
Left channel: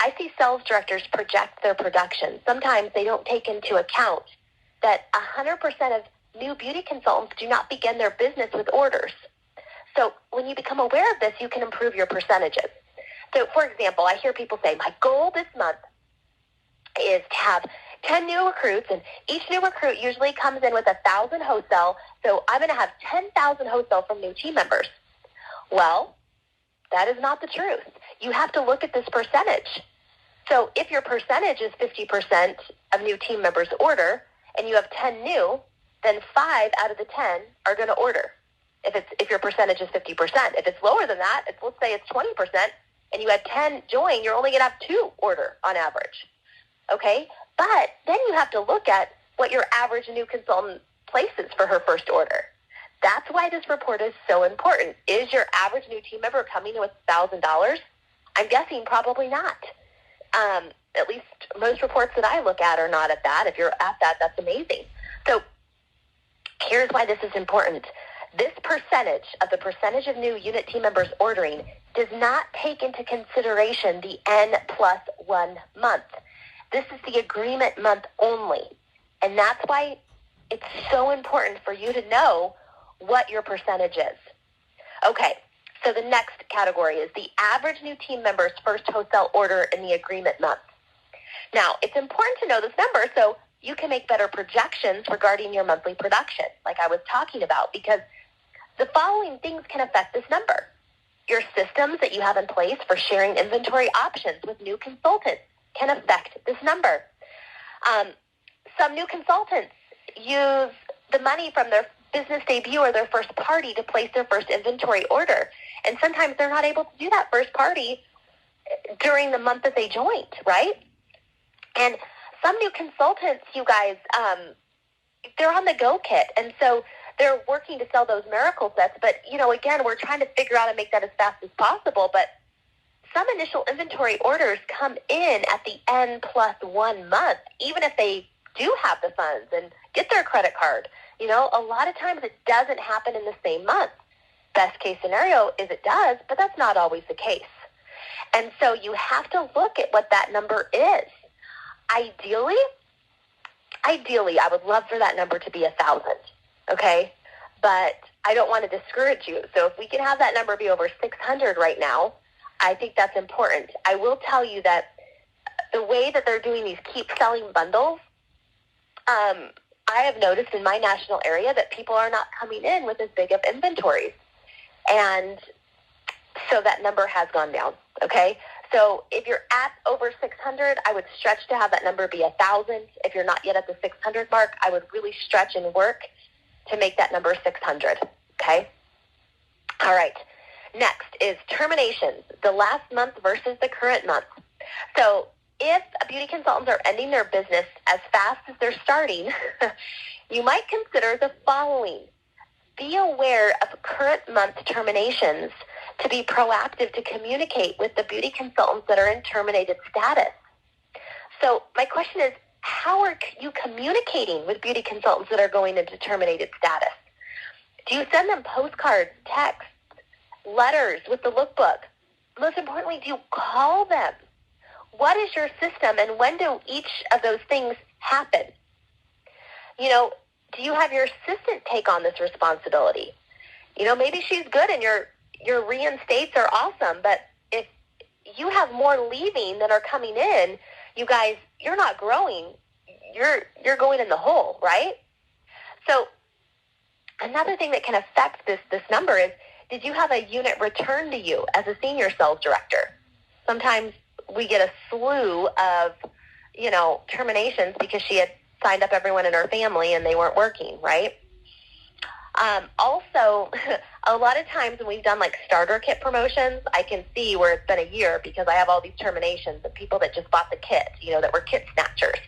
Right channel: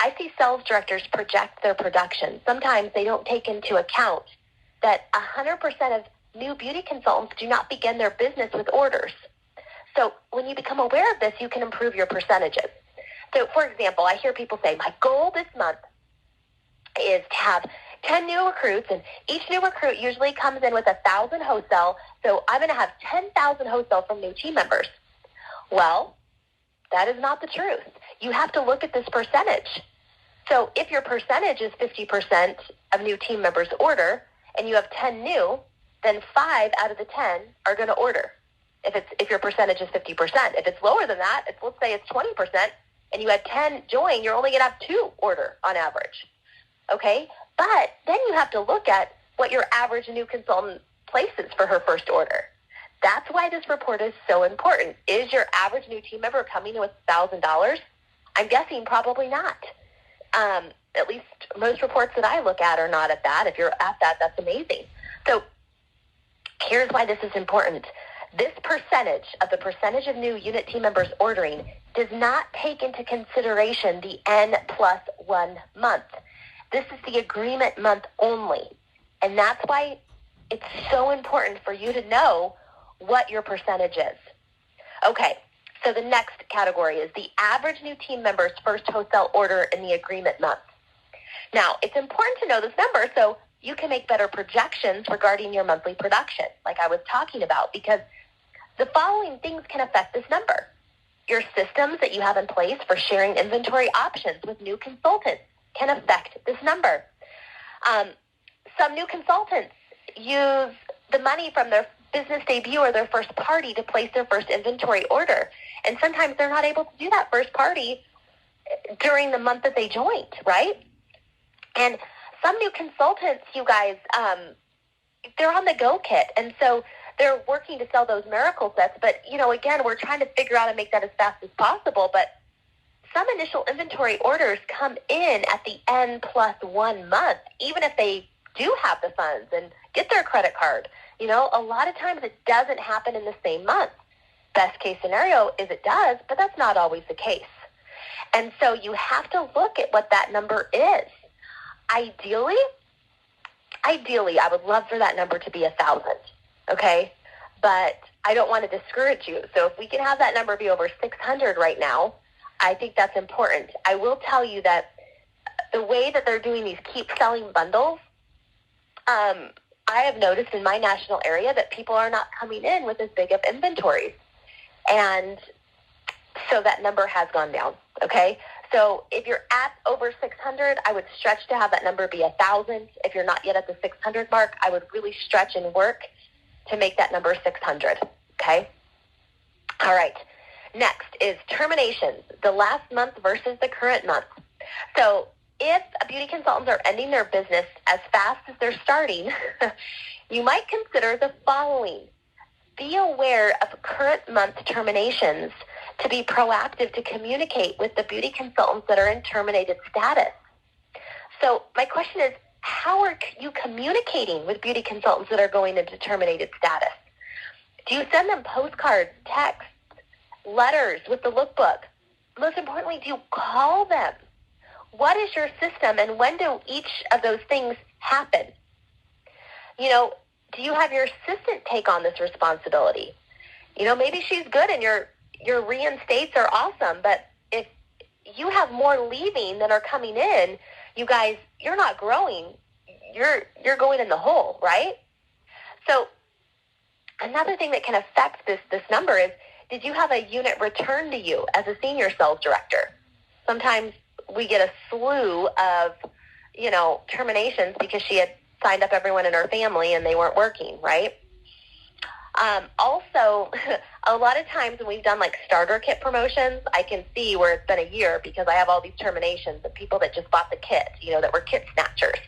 I see sales directors project their production. Sometimes they don't take into account that 100% of new beauty consultants do not begin their business with orders. So when you become aware of this, you can improve your percentages. So, for example, I hear people say, my goal this month is to have 10 new recruits, and each new recruit usually comes in with 1,000 wholesale, so I'm going to have 10,000 wholesale from new team members. Well, that is not the truth. You have to look at this percentage. So if your percentage is 50% of new team members order, and you have 10 new, then 5 out of the 10 are going to order. if your percentage is 50%. If it's lower than that, let's say it's 20%, and you had 10 join, you're only going to have 2 order on average. Okay? But then you have to look at what your average new consultant places for her first order. That's why this report is so important. Is your average new team member coming with $1,000? I'm guessing probably not. At least most reports that I look at are not at that. If you're at that, that's amazing. So here's why this is important. This percentage of new unit team members ordering does not take into consideration the N+1 month. This is the agreement month only. And that's why it's so important for you to know what your percentage is. Okay, so the next category is the average new team member's first wholesale order in the agreement month. Now, it's important to know this number so you can make better projections regarding your monthly production, like I was talking about, because the following things can affect this number. Your systems that you have in place for sharing inventory options with new consultants can affect this number. Some new consultants use the money from their business debut or their first party to place their first inventory order. And sometimes they're not able to do that first party during the month that they joined, right? And some new consultants, you guys, they're on the go kit. And so they're working to sell those miracle sets. But, again, we're trying to figure out how to make that as fast as possible. But some initial inventory orders come in at the N+1 month, even if they do have the funds and get their credit card. A lot of times it doesn't happen in the same month. Best case scenario is it does, but that's not always the case. And so you have to look at what that number is. Ideally, I would love for that number to be 1,000, okay? But I don't want to discourage you. So if we can have that number be over 600 right now, I think that's important. I will tell you that the way that they're doing these keep selling bundles, I have noticed in my national area that people are not coming in with as big of inventories. And so that number has gone down, okay? So if you're at over 600, I would stretch to have that number be 1,000. If you're not yet at the 600 mark, I would really stretch and work to make that number 600, okay? All right. Next is terminations, the last month versus the current month. So if beauty consultants are ending their business as fast as they're starting, you might consider the following. Be aware of current month terminations to be proactive to communicate with the beauty consultants that are in terminated status. So my question is, how are you communicating with beauty consultants that are going into terminated status? Do you send them postcards, texts, letters with the lookbook? Most importantly, do you call them? What is your system, and when do each of those things happen? Do you have your assistant take on this responsibility? Maybe she's good and your reinstates are awesome, but if you have more leaving than are coming in, you guys, you're not growing. You're going in the hole, right? So another thing that can affect this number is, did you have a unit return to you as a senior sales director? Sometimes we get a slew of, terminations because she had signed up everyone in her family and they weren't working, right? Also, a lot of times when we've done like starter kit promotions, I can see where it's been a year because I have all these terminations of people that just bought the kit, that were kit snatchers.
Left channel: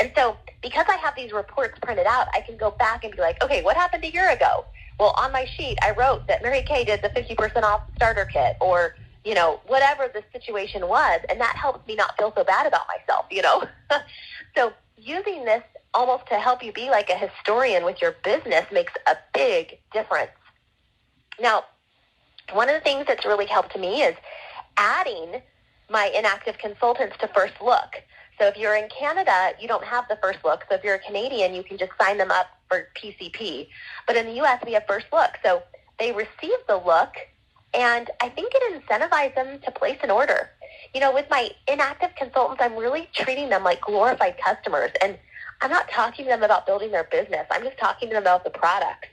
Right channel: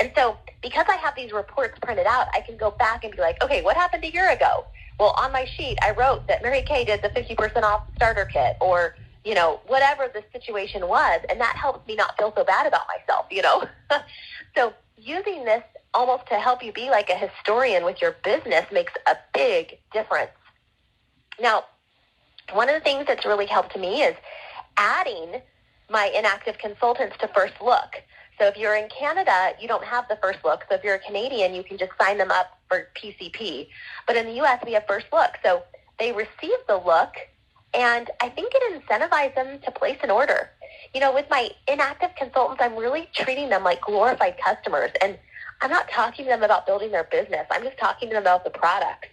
And so because I have these reports printed out, I can go back and be like, okay, what happened a year ago? Well, on my sheet, I wrote that Mary Kay did the 50% off starter kit, or, whatever the situation was. And that helps me not feel so bad about myself, So using this almost to help you be like a historian with your business makes a big difference. Now, one of the things that's really helped me is adding my inactive consultants to First Look. So if you're in Canada, you don't have the First Look. So if you're a Canadian, you can just sign them up for PCP. But in the U.S., we have First Look. So they receive the look, and I think it incentivizes them to place an order. With my inactive consultants, I'm really treating them like glorified customers. And I'm not talking to them about building their business. I'm just talking to them about the product.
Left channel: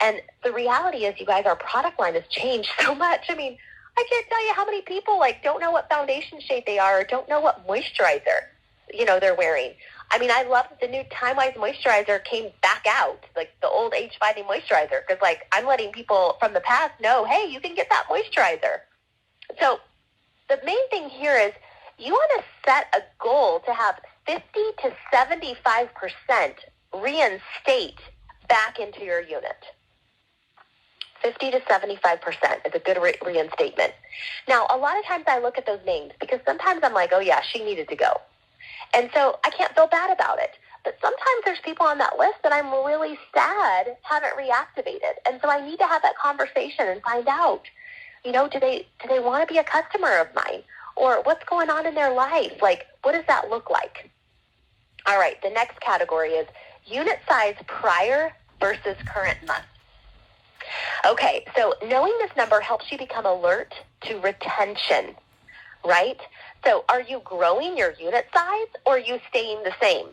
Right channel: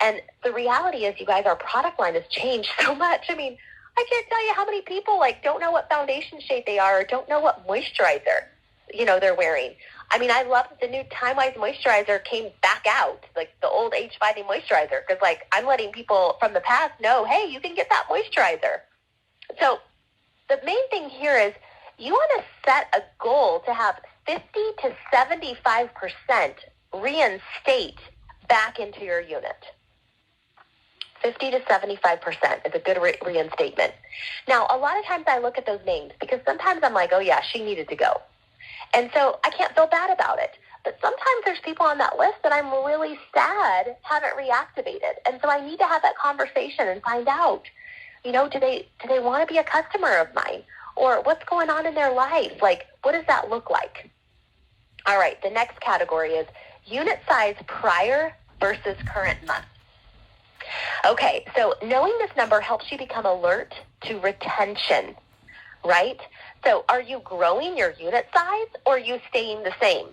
And the reality is, you guys, our product line has changed so much. I mean, I can't tell you how many people don't know what foundation shade they are or don't know what moisturizer, they're wearing. I mean, I love that the new Time-Wise moisturizer came back out, like the old age-fighting moisturizer, because, like, I'm letting people from the past know, hey, you can get that moisturizer. So the main thing here is you want to set a goal to have 50 to 75% reinstate back into your unit. 50 to 75% is a good reinstatement. Now, a lot of times I look at those names because sometimes I'm like, oh yeah, she needed to go. And so I can't feel bad about it. But sometimes there's people on that list that I'm really sad haven't reactivated. And so I need to have that conversation and find out, you know, do they want to be a customer of mine? Or what's going on in their life? Like, what does that look like? All right, the next category is unit size prior versus current month. Okay, so knowing this number helps you become alert to retention, right? So are you growing your unit size or are you staying the same?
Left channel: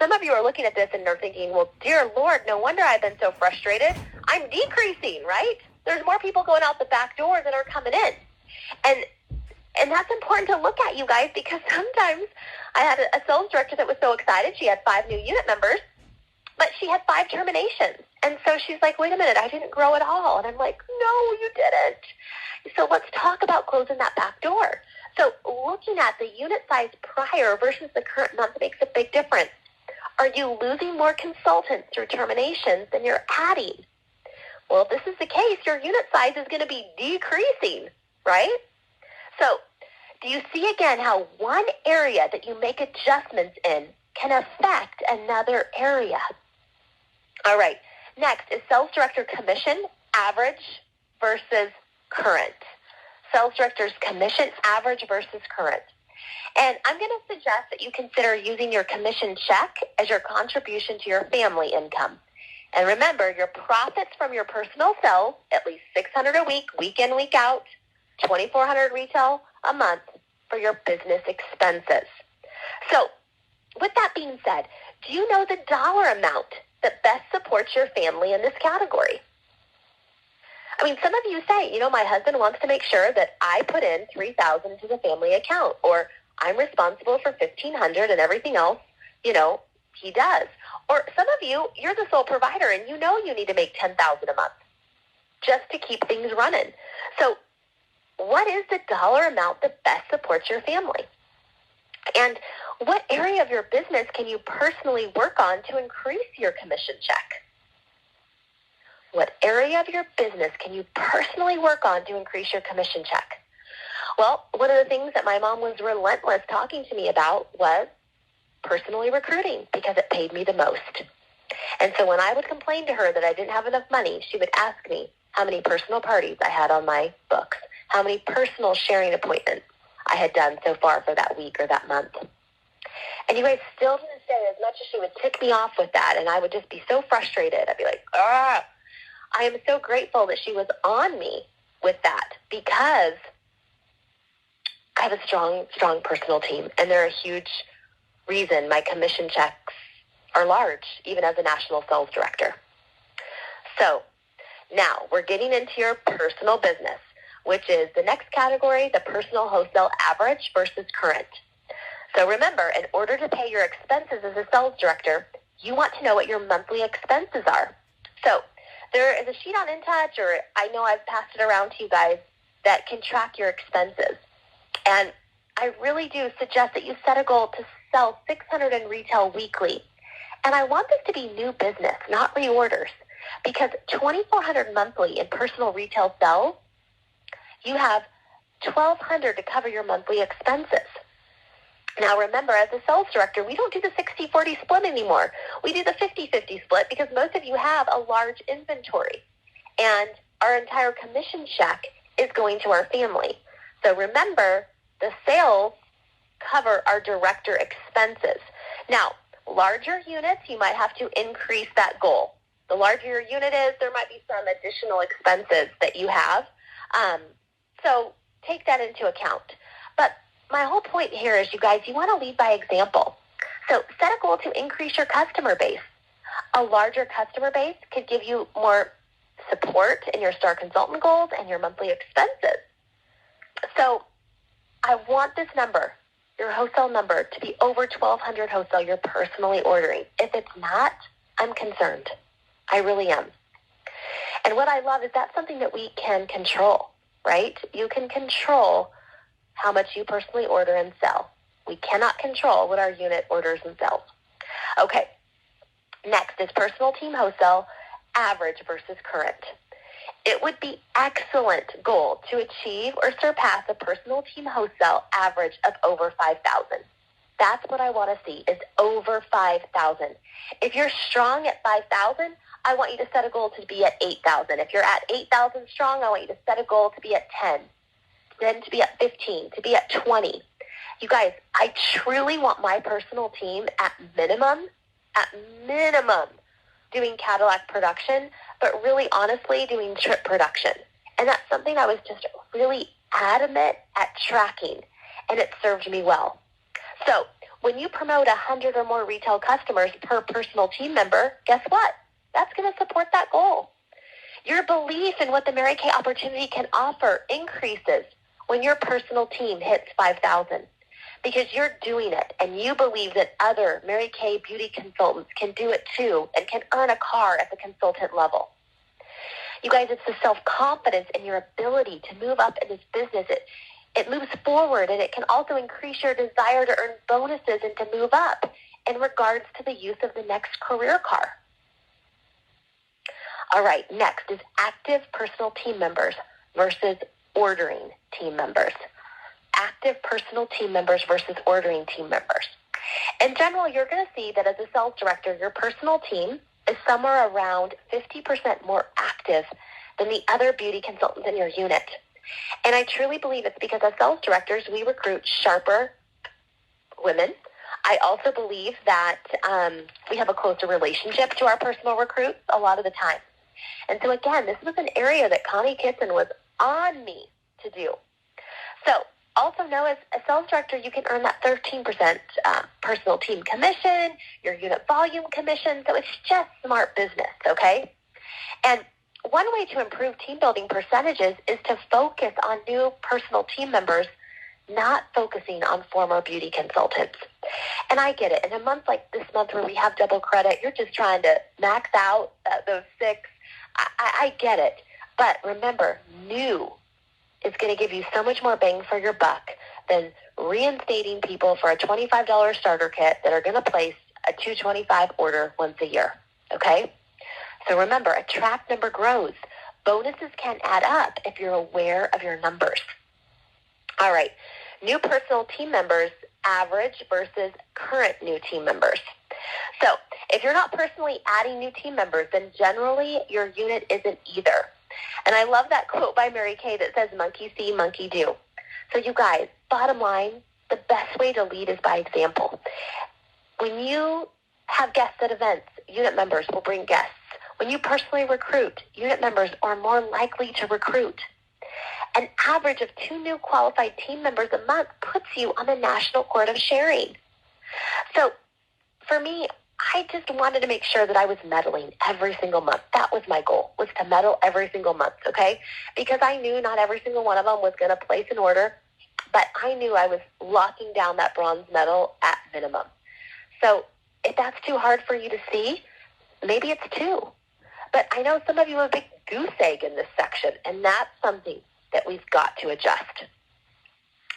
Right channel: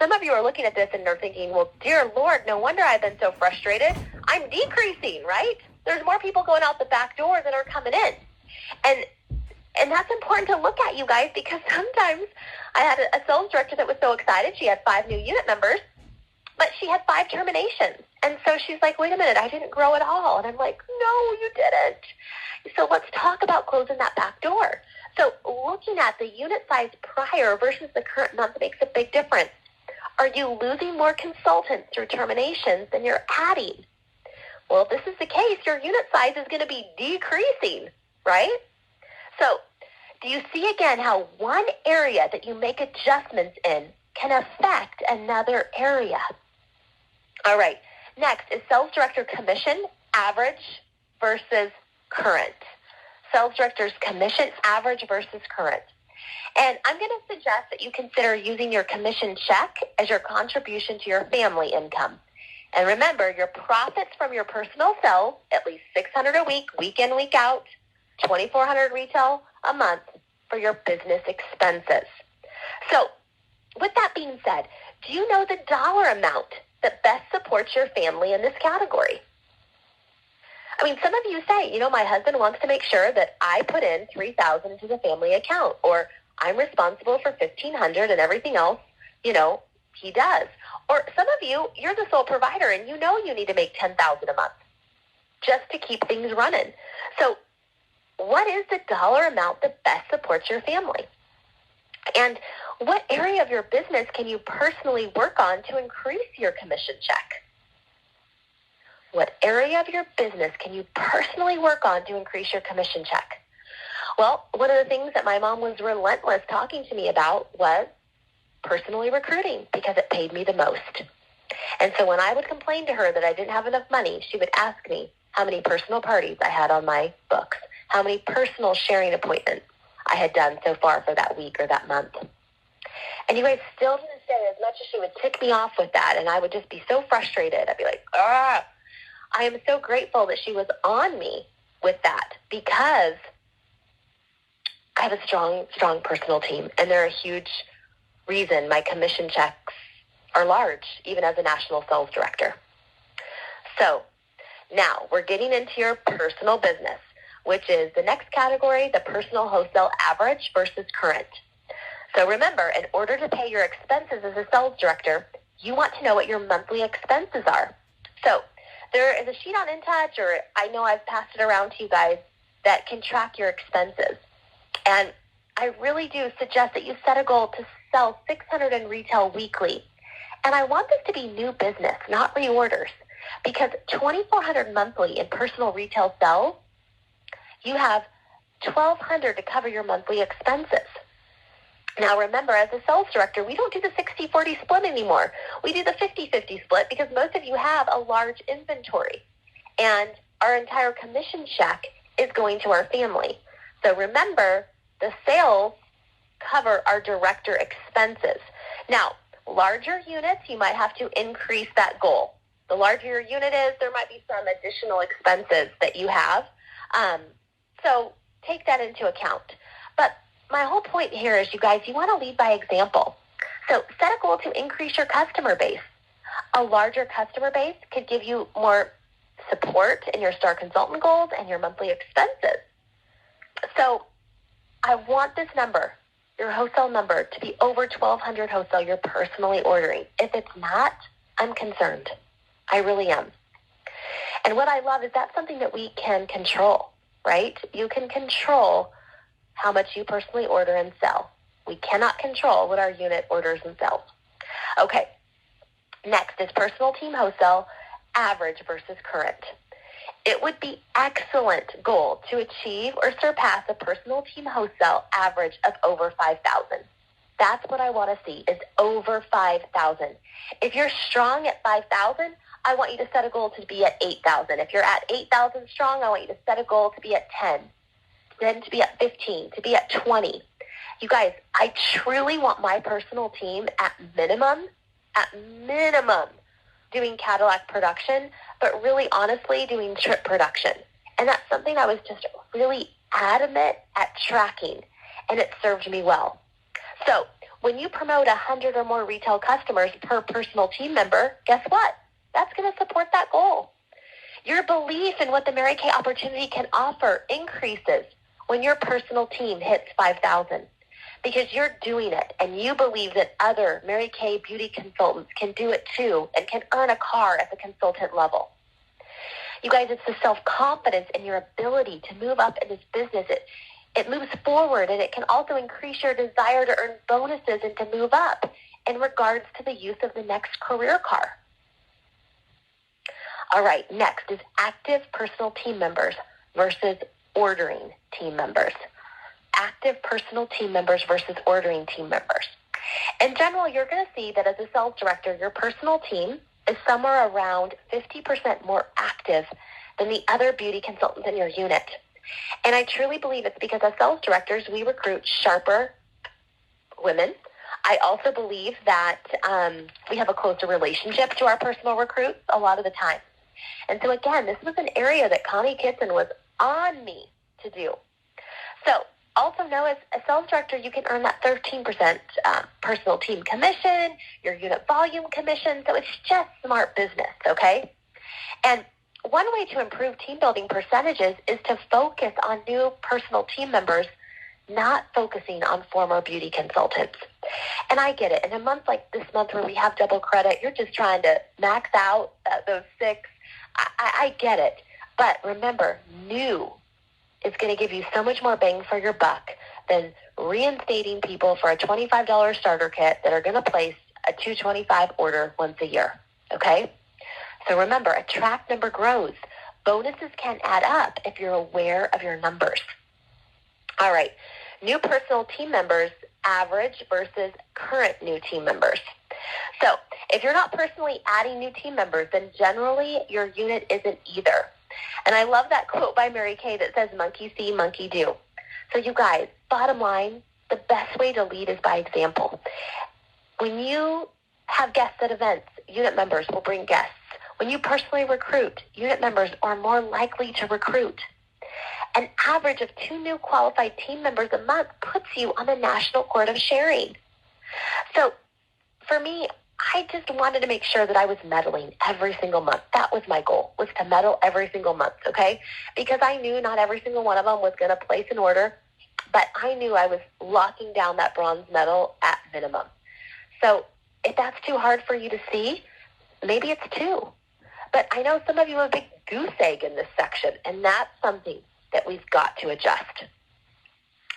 Some of you are looking at this and they're thinking, well, dear Lord, no wonder I've been so frustrated. I'm decreasing, right? There's more people going out the back door than are coming in. And that's important to look at, you guys, because sometimes I had a sales director that was so excited. She had 5 new unit numbers, but she had 5 terminations. And so she's like, wait a minute, I didn't grow at all. And I'm like, no, you didn't. So let's talk about closing that back door. So looking at the unit size prior versus the current month makes a big difference. Are you losing more consultants through terminations than you're adding? Well, if this is the case, your unit size is going to be decreasing, right? So do you see again how one area that you make adjustments in can affect another area? All right. Next is sales director commission, average versus current. Sales director's commission, average versus current. And I'm going to suggest that you consider using your commission check as your contribution to your family income. And remember, your profits from your personal sales, at least $600 a week, week in, week out, $2,400 retail a month for your business expenses. So, with that being said, do you know the dollar amount that best supports your family in this category? I mean, some of you say, you know, my husband wants to make sure that I put in $3,000 to the family account, or I'm responsible for $1,500 and everything else, you know, he does. Or some of you, you're the sole provider and you know you need to make $10,000 a month just to keep things running. So what is the dollar amount that best supports your family? And what area of your business can you personally work on to increase your commission check? What area of your business can you personally work on to increase your commission check? Well, one of the things that my mom was relentless talking to me about was personally recruiting because it paid me the most. And so when I would complain to her that I didn't have enough money, she would ask me how many personal parties I had on my book, how many personal sharing appointments I had done so far for that week or that month. And you guys, still to this day, as much as she would tick me off with that, and I would just be so frustrated, I'd be like, I am so grateful that she was on me with that because I have a strong personal team, and they're a huge reason my commission checks are large, even as a national sales director. So now we're getting into your personal business, which is the next category, the personal wholesale average versus current. So remember, in order to pay your expenses as a sales director, you want to know what your monthly expenses are. So there is a sheet on InTouch, or I know I've passed it around to you guys, that can track your expenses. And I really do suggest that you set a goal to sell 600 in retail weekly. And I want this to be new business, not reorders, because 2,400 monthly in personal retail sales, you have 1,200 to cover your monthly expenses. Now remember, as a sales director, we don't do the 60-40 split anymore. We do the 50-50 split because most of you have a large inventory. And our entire commission check is going to our family. So remember, the sales cover our director expenses. Now, larger units, you might have to increase that goal. The larger your unit is, there might be some additional expenses that you have. So take that into account. But my whole point here is, you guys, you want to lead by example. So set a goal to increase your customer base. A larger customer base could give you more support in your star consultant goals and your monthly expenses. So I want this number your wholesale number to be over 1,200 wholesale you're personally ordering. If it's not, I'm concerned. I really am. And what I love is that's something that we can control, right? You can control how much you personally order and sell. We cannot control what our unit orders and sells. Okay, next is personal team wholesale, average versus current. It would be excellent goal to achieve or surpass a personal team wholesale average of over 5,000. That's what I want to see, is over 5,000. If you're strong at 5,000, I want you to set a goal to be at 8,000. If you're at 8,000 strong, I want you to set a goal to be at 10, then to be at 15, to be at 20. You guys, I truly want my personal team at minimum, doing Cadillac production, but really honestly doing trip production. And that's something I was just really adamant at tracking, and it served me well. So when you promote 100 or more retail customers per personal team member, guess what? That's going to support that goal. Your belief in what the Mary Kay opportunity can offer increases when your personal team hits 5,000. Because you're doing it, and you believe that other Mary Kay beauty consultants can do it too and can earn a car at the consultant level. You guys, it's the self-confidence in your ability to move up in this business. It moves forward, and it can also increase your desire to earn bonuses and to move up in regards to the use of the next career car. All right, next is active personal team members versus ordering team members. Active personal team members versus ordering team members. In general, you're going to see that as a sales director, your personal team is somewhere around 50% more active than the other beauty consultants in your unit. And I truly believe it's because as sales directors, we recruit sharper women. I also believe that we have a closer relationship to our personal recruits a lot of the time. And so again, this was an area that Connie Kitson was on me to do. So also know as a sales director, you can earn that 13% personal team commission, your unit volume commission. So it's just smart business, okay? And one way to improve team building percentages is to focus on new personal team members, not focusing on former beauty consultants. And I get it. In a month like this month where we have double credit, you're just trying to max out those 6. I get it. But remember, new is going to give you so much more bang for your buck than reinstating people for a $25 starter kit that are going to place a $225 order once a year. Okay? So remember, a track number grows. Bonuses can add up if you're aware of your numbers. All right. New personal team members, average versus current new team members. So if you're not personally adding new team members, then generally your unit isn't either. And I love that quote by Mary Kay that says, monkey see, monkey do. So you guys, bottom line, the best way to lead is by example. When you have guests at events, unit members will bring guests. When you personally recruit, unit members are more likely to recruit. An average of 2 new qualified team members a month puts you on the national court of sharing. So for me, I just wanted to make sure that I was meddling every single month. That was my goal, was to meddle every single month, okay? Because I knew not every single one of them was going to place an order, but I knew I was locking down that bronze medal at minimum. So if that's too hard for you to see, maybe it's 2. But I know some of you are a big goose egg in this section, and that's something that we've got to adjust.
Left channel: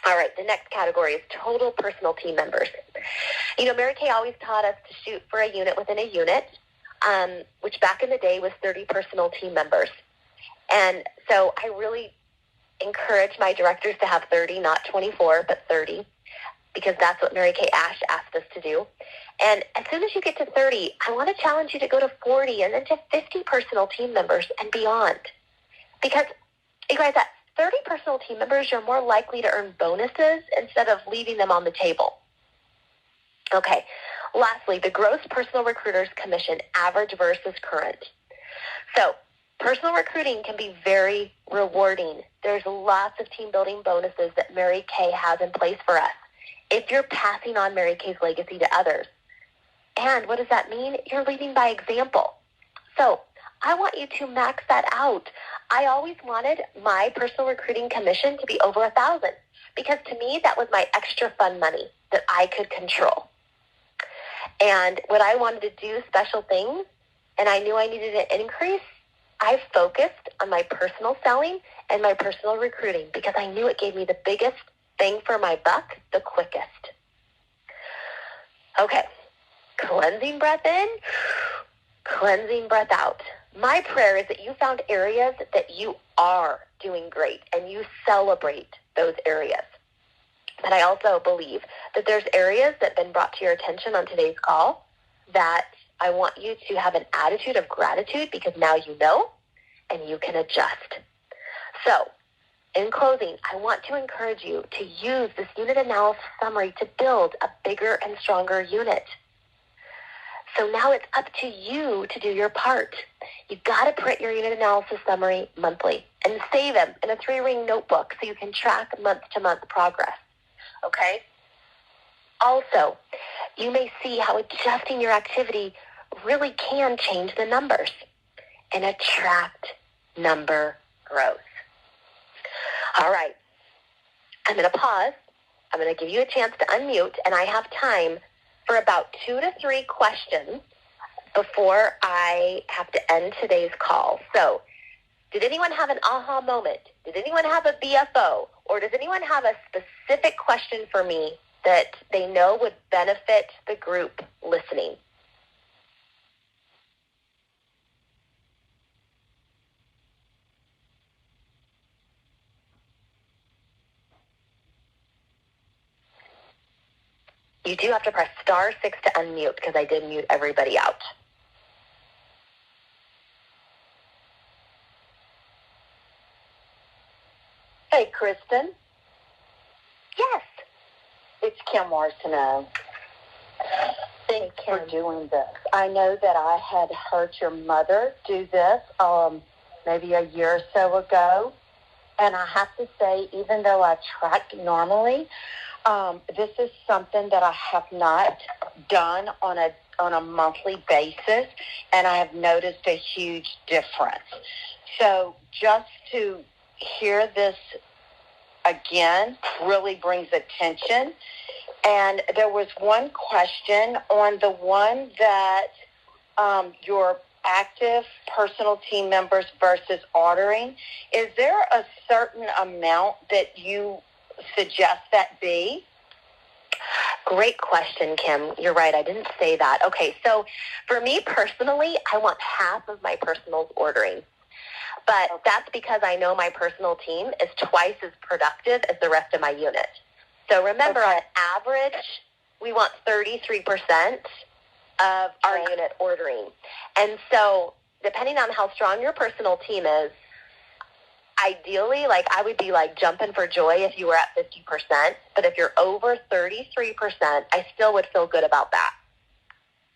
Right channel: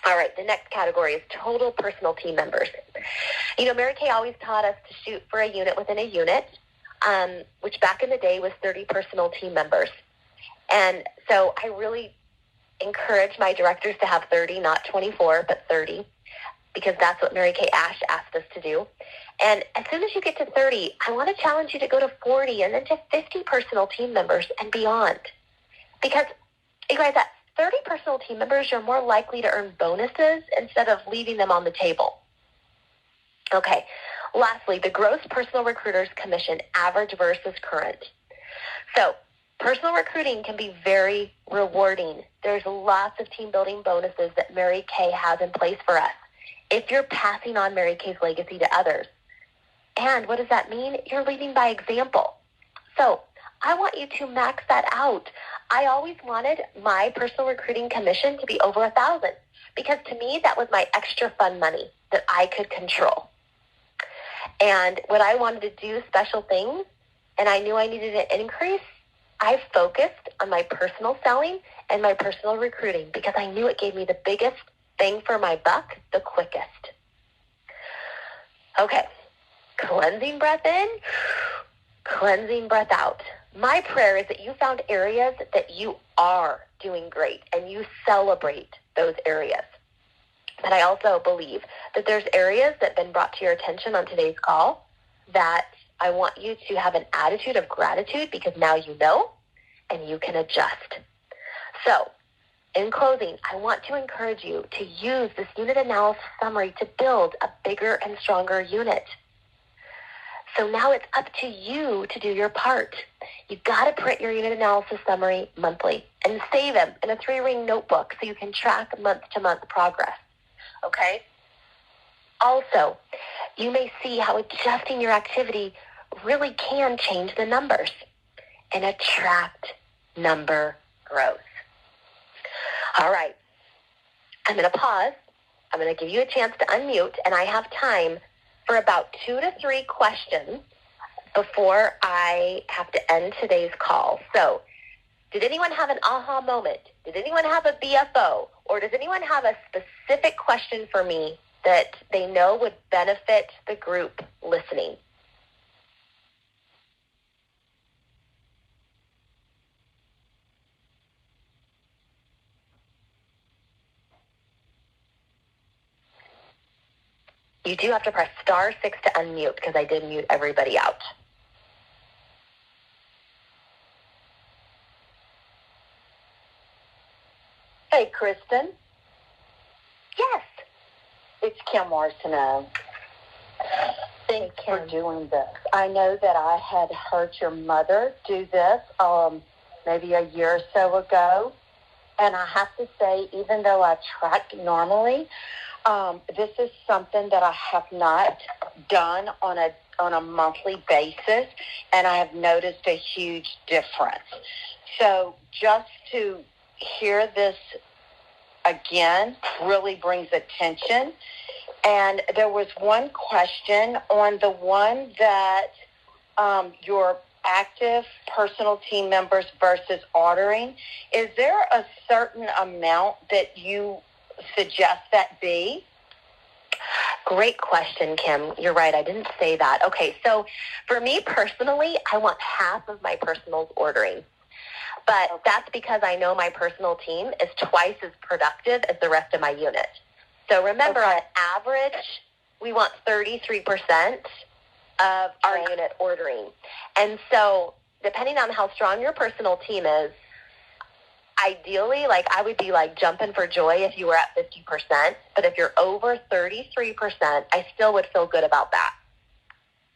All right, the next category is total personal team members. You know, Mary Kay always taught us to shoot for a unit within a unit, which back in the day was 30 personal team members. And so I really encourage my directors to have 30, not 24, but 30, because that's what Mary Kay asked us to do. And as soon as you get to 30, I want to challenge you to go to 40 and then to 50 personal team members and beyond. Because, you guys, at 30 personal team members, you're more likely to earn bonuses instead of leaving them on the table. Okay, lastly, the gross personal recruiter's commission, average versus current. So, personal recruiting can be very rewarding. There's lots of team building bonuses that Mary Kay has in place for us if you're passing on Mary Kay's legacy to others. And what does that mean? You're leading by example. So, I want you to max that out. I always wanted my personal recruiting commission to be over 1,000. because to me, that was my extra fun money that I could control. And when I wanted to do special things and I knew I needed an increase, I focused on my personal selling and my personal recruiting because I knew it gave me the biggest bang for my buck the quickest. Okay, cleansing breath in, cleansing breath out. My prayer is that you found areas that you are doing great and you celebrate those areas. But I also believe that there's areas that have been brought to your attention on today's call that I want you to have an attitude of gratitude because now you know and you can adjust. So, in closing, I want to encourage you to use this unit analysis summary to build a bigger and stronger unit. So now it's up to you to do your part. You got to print your unit analysis summary monthly and save them in a 3-ring notebook so you can track month-to-month progress. Okay? Also, you may see how adjusting your activity really can change the numbers and attract number growth. All right. I'm going to pause. I'm going to give you a chance to unmute, and I have time for about 2 to 3 questions before I have to end today's call. So, did anyone have an aha moment? Did anyone have a BFO? Or does anyone have a specific question for me that they know would benefit the group listening? You do have to press *6 to unmute because I did mute everybody out. Hey, Kristin. Yes. It's Kim Arsenault. Thanks for doing this. I know that I had heard your mother do this maybe a year or so ago. And I have to say, even though I track normally, this is something that I have not done on a monthly basis, and I have noticed a huge difference. So just to hear this again really brings attention. And there was one question on the one that your active personal team members versus ordering. Is there a certain amount that you suggest that be? Great question, Kim. You're right. I didn't say that. Okay, so for me personally, I want half of my personals ordering. But that's because I know my personal team is twice as productive as the rest of my unit. So remember, on average, we want 33% of our unit ordering. And so depending on how strong your personal team is, ideally, I would be jumping for joy if you were at 50%. But if you're over 33%, I still would feel good about that.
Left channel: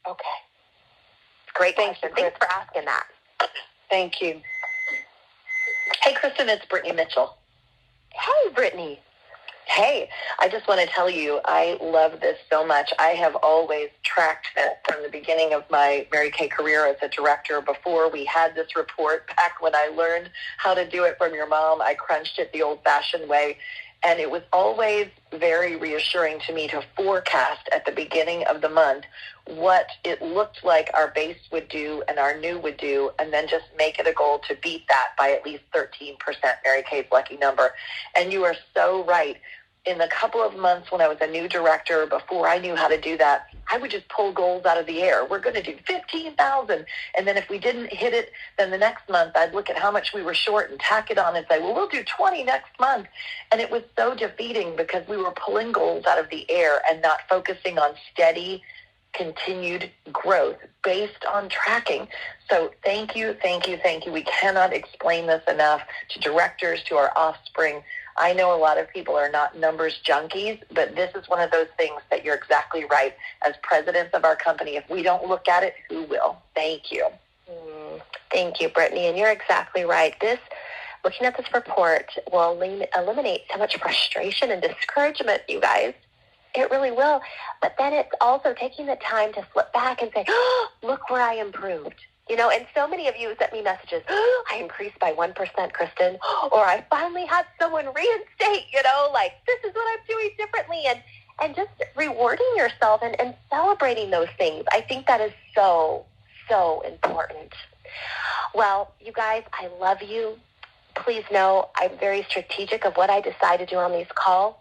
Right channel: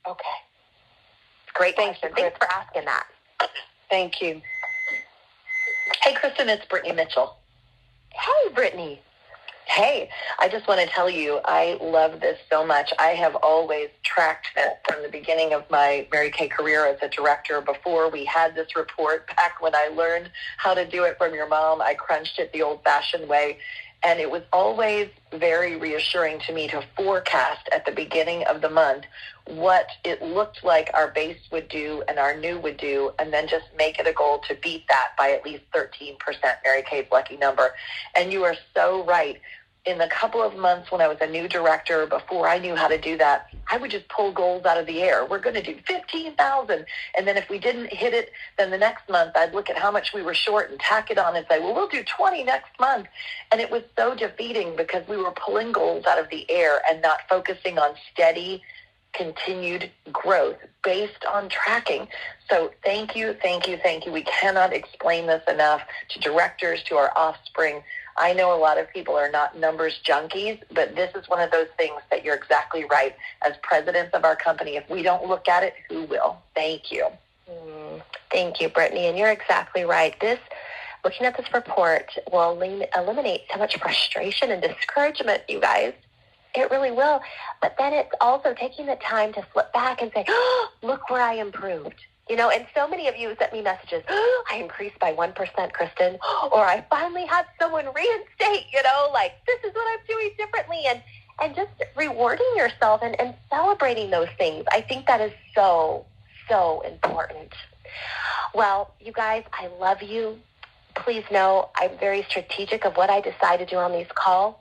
Okay. Great question. Thanks for asking that. Thank you. Hey, Kristin, it's Brittany Mitchell. Hey, Brittany. Hey, I just want to tell you, I love this so much. I have always tracked it from the beginning of my Mary Kay career as a director. Before we had this report, back when I learned how to do it from your mom, I crunched it the old-fashioned way. And it was always very reassuring to me to forecast at the beginning of the month what it looked like our base would do and our new would do, and then just make it a goal to beat that by at least 13% Mary Kay's lucky number. And you are so right. In the couple of months when I was a new director, before I knew how to do that, I would just pull goals out of the air. We're going to do 15,000. And then if we didn't hit it, then the next month I'd look at how much we were short and tack it on and say, well, we'll do 20 next month. And it was so defeating because we were pulling goals out of the air and not focusing on steady, continued growth based on tracking. So thank you, thank you, thank you. We cannot explain this enough to directors, to our offspring. I know a lot of people are not numbers junkies, but this is one of those things that you're exactly right. As president of our company, if we don't look at it, who will? Thank you. Thank you, Brittany. And you're exactly right. Looking at this report will eliminate so much frustration and discouragement, you guys. It really will. But then it's also taking the time to flip back and say, oh, look where I improved. And so many of you sent me messages, oh, I increased by 1%, Kristin, or I finally had someone reinstate, this is yourself and celebrating those things. I think that is so, so important. Well, you guys, I love you. Please know I'm very strategic of what I decide to do on these calls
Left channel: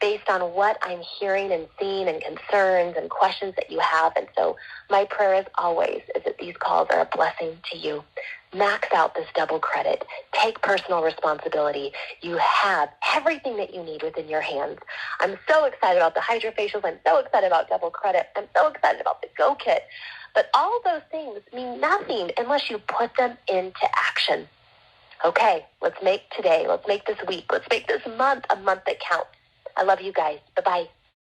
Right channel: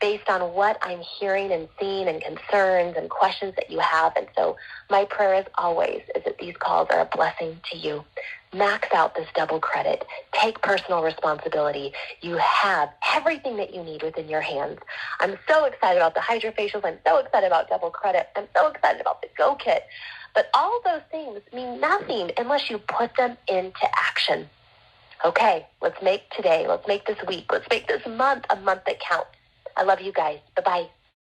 based on what I'm hearing and seeing and concerns and questions that you have. And so my prayer as always is that these calls are a blessing to you. Max out this double credit. Take personal responsibility. You have everything that you need within your hands. I'm so excited about the hydrofacials. I'm so excited about double credit. I'm so excited about the Go Kit. But all those things mean nothing unless you put them into action. Okay, let's make today, let's make this week, let's make this month a month that counts. I love you guys. Bye-bye.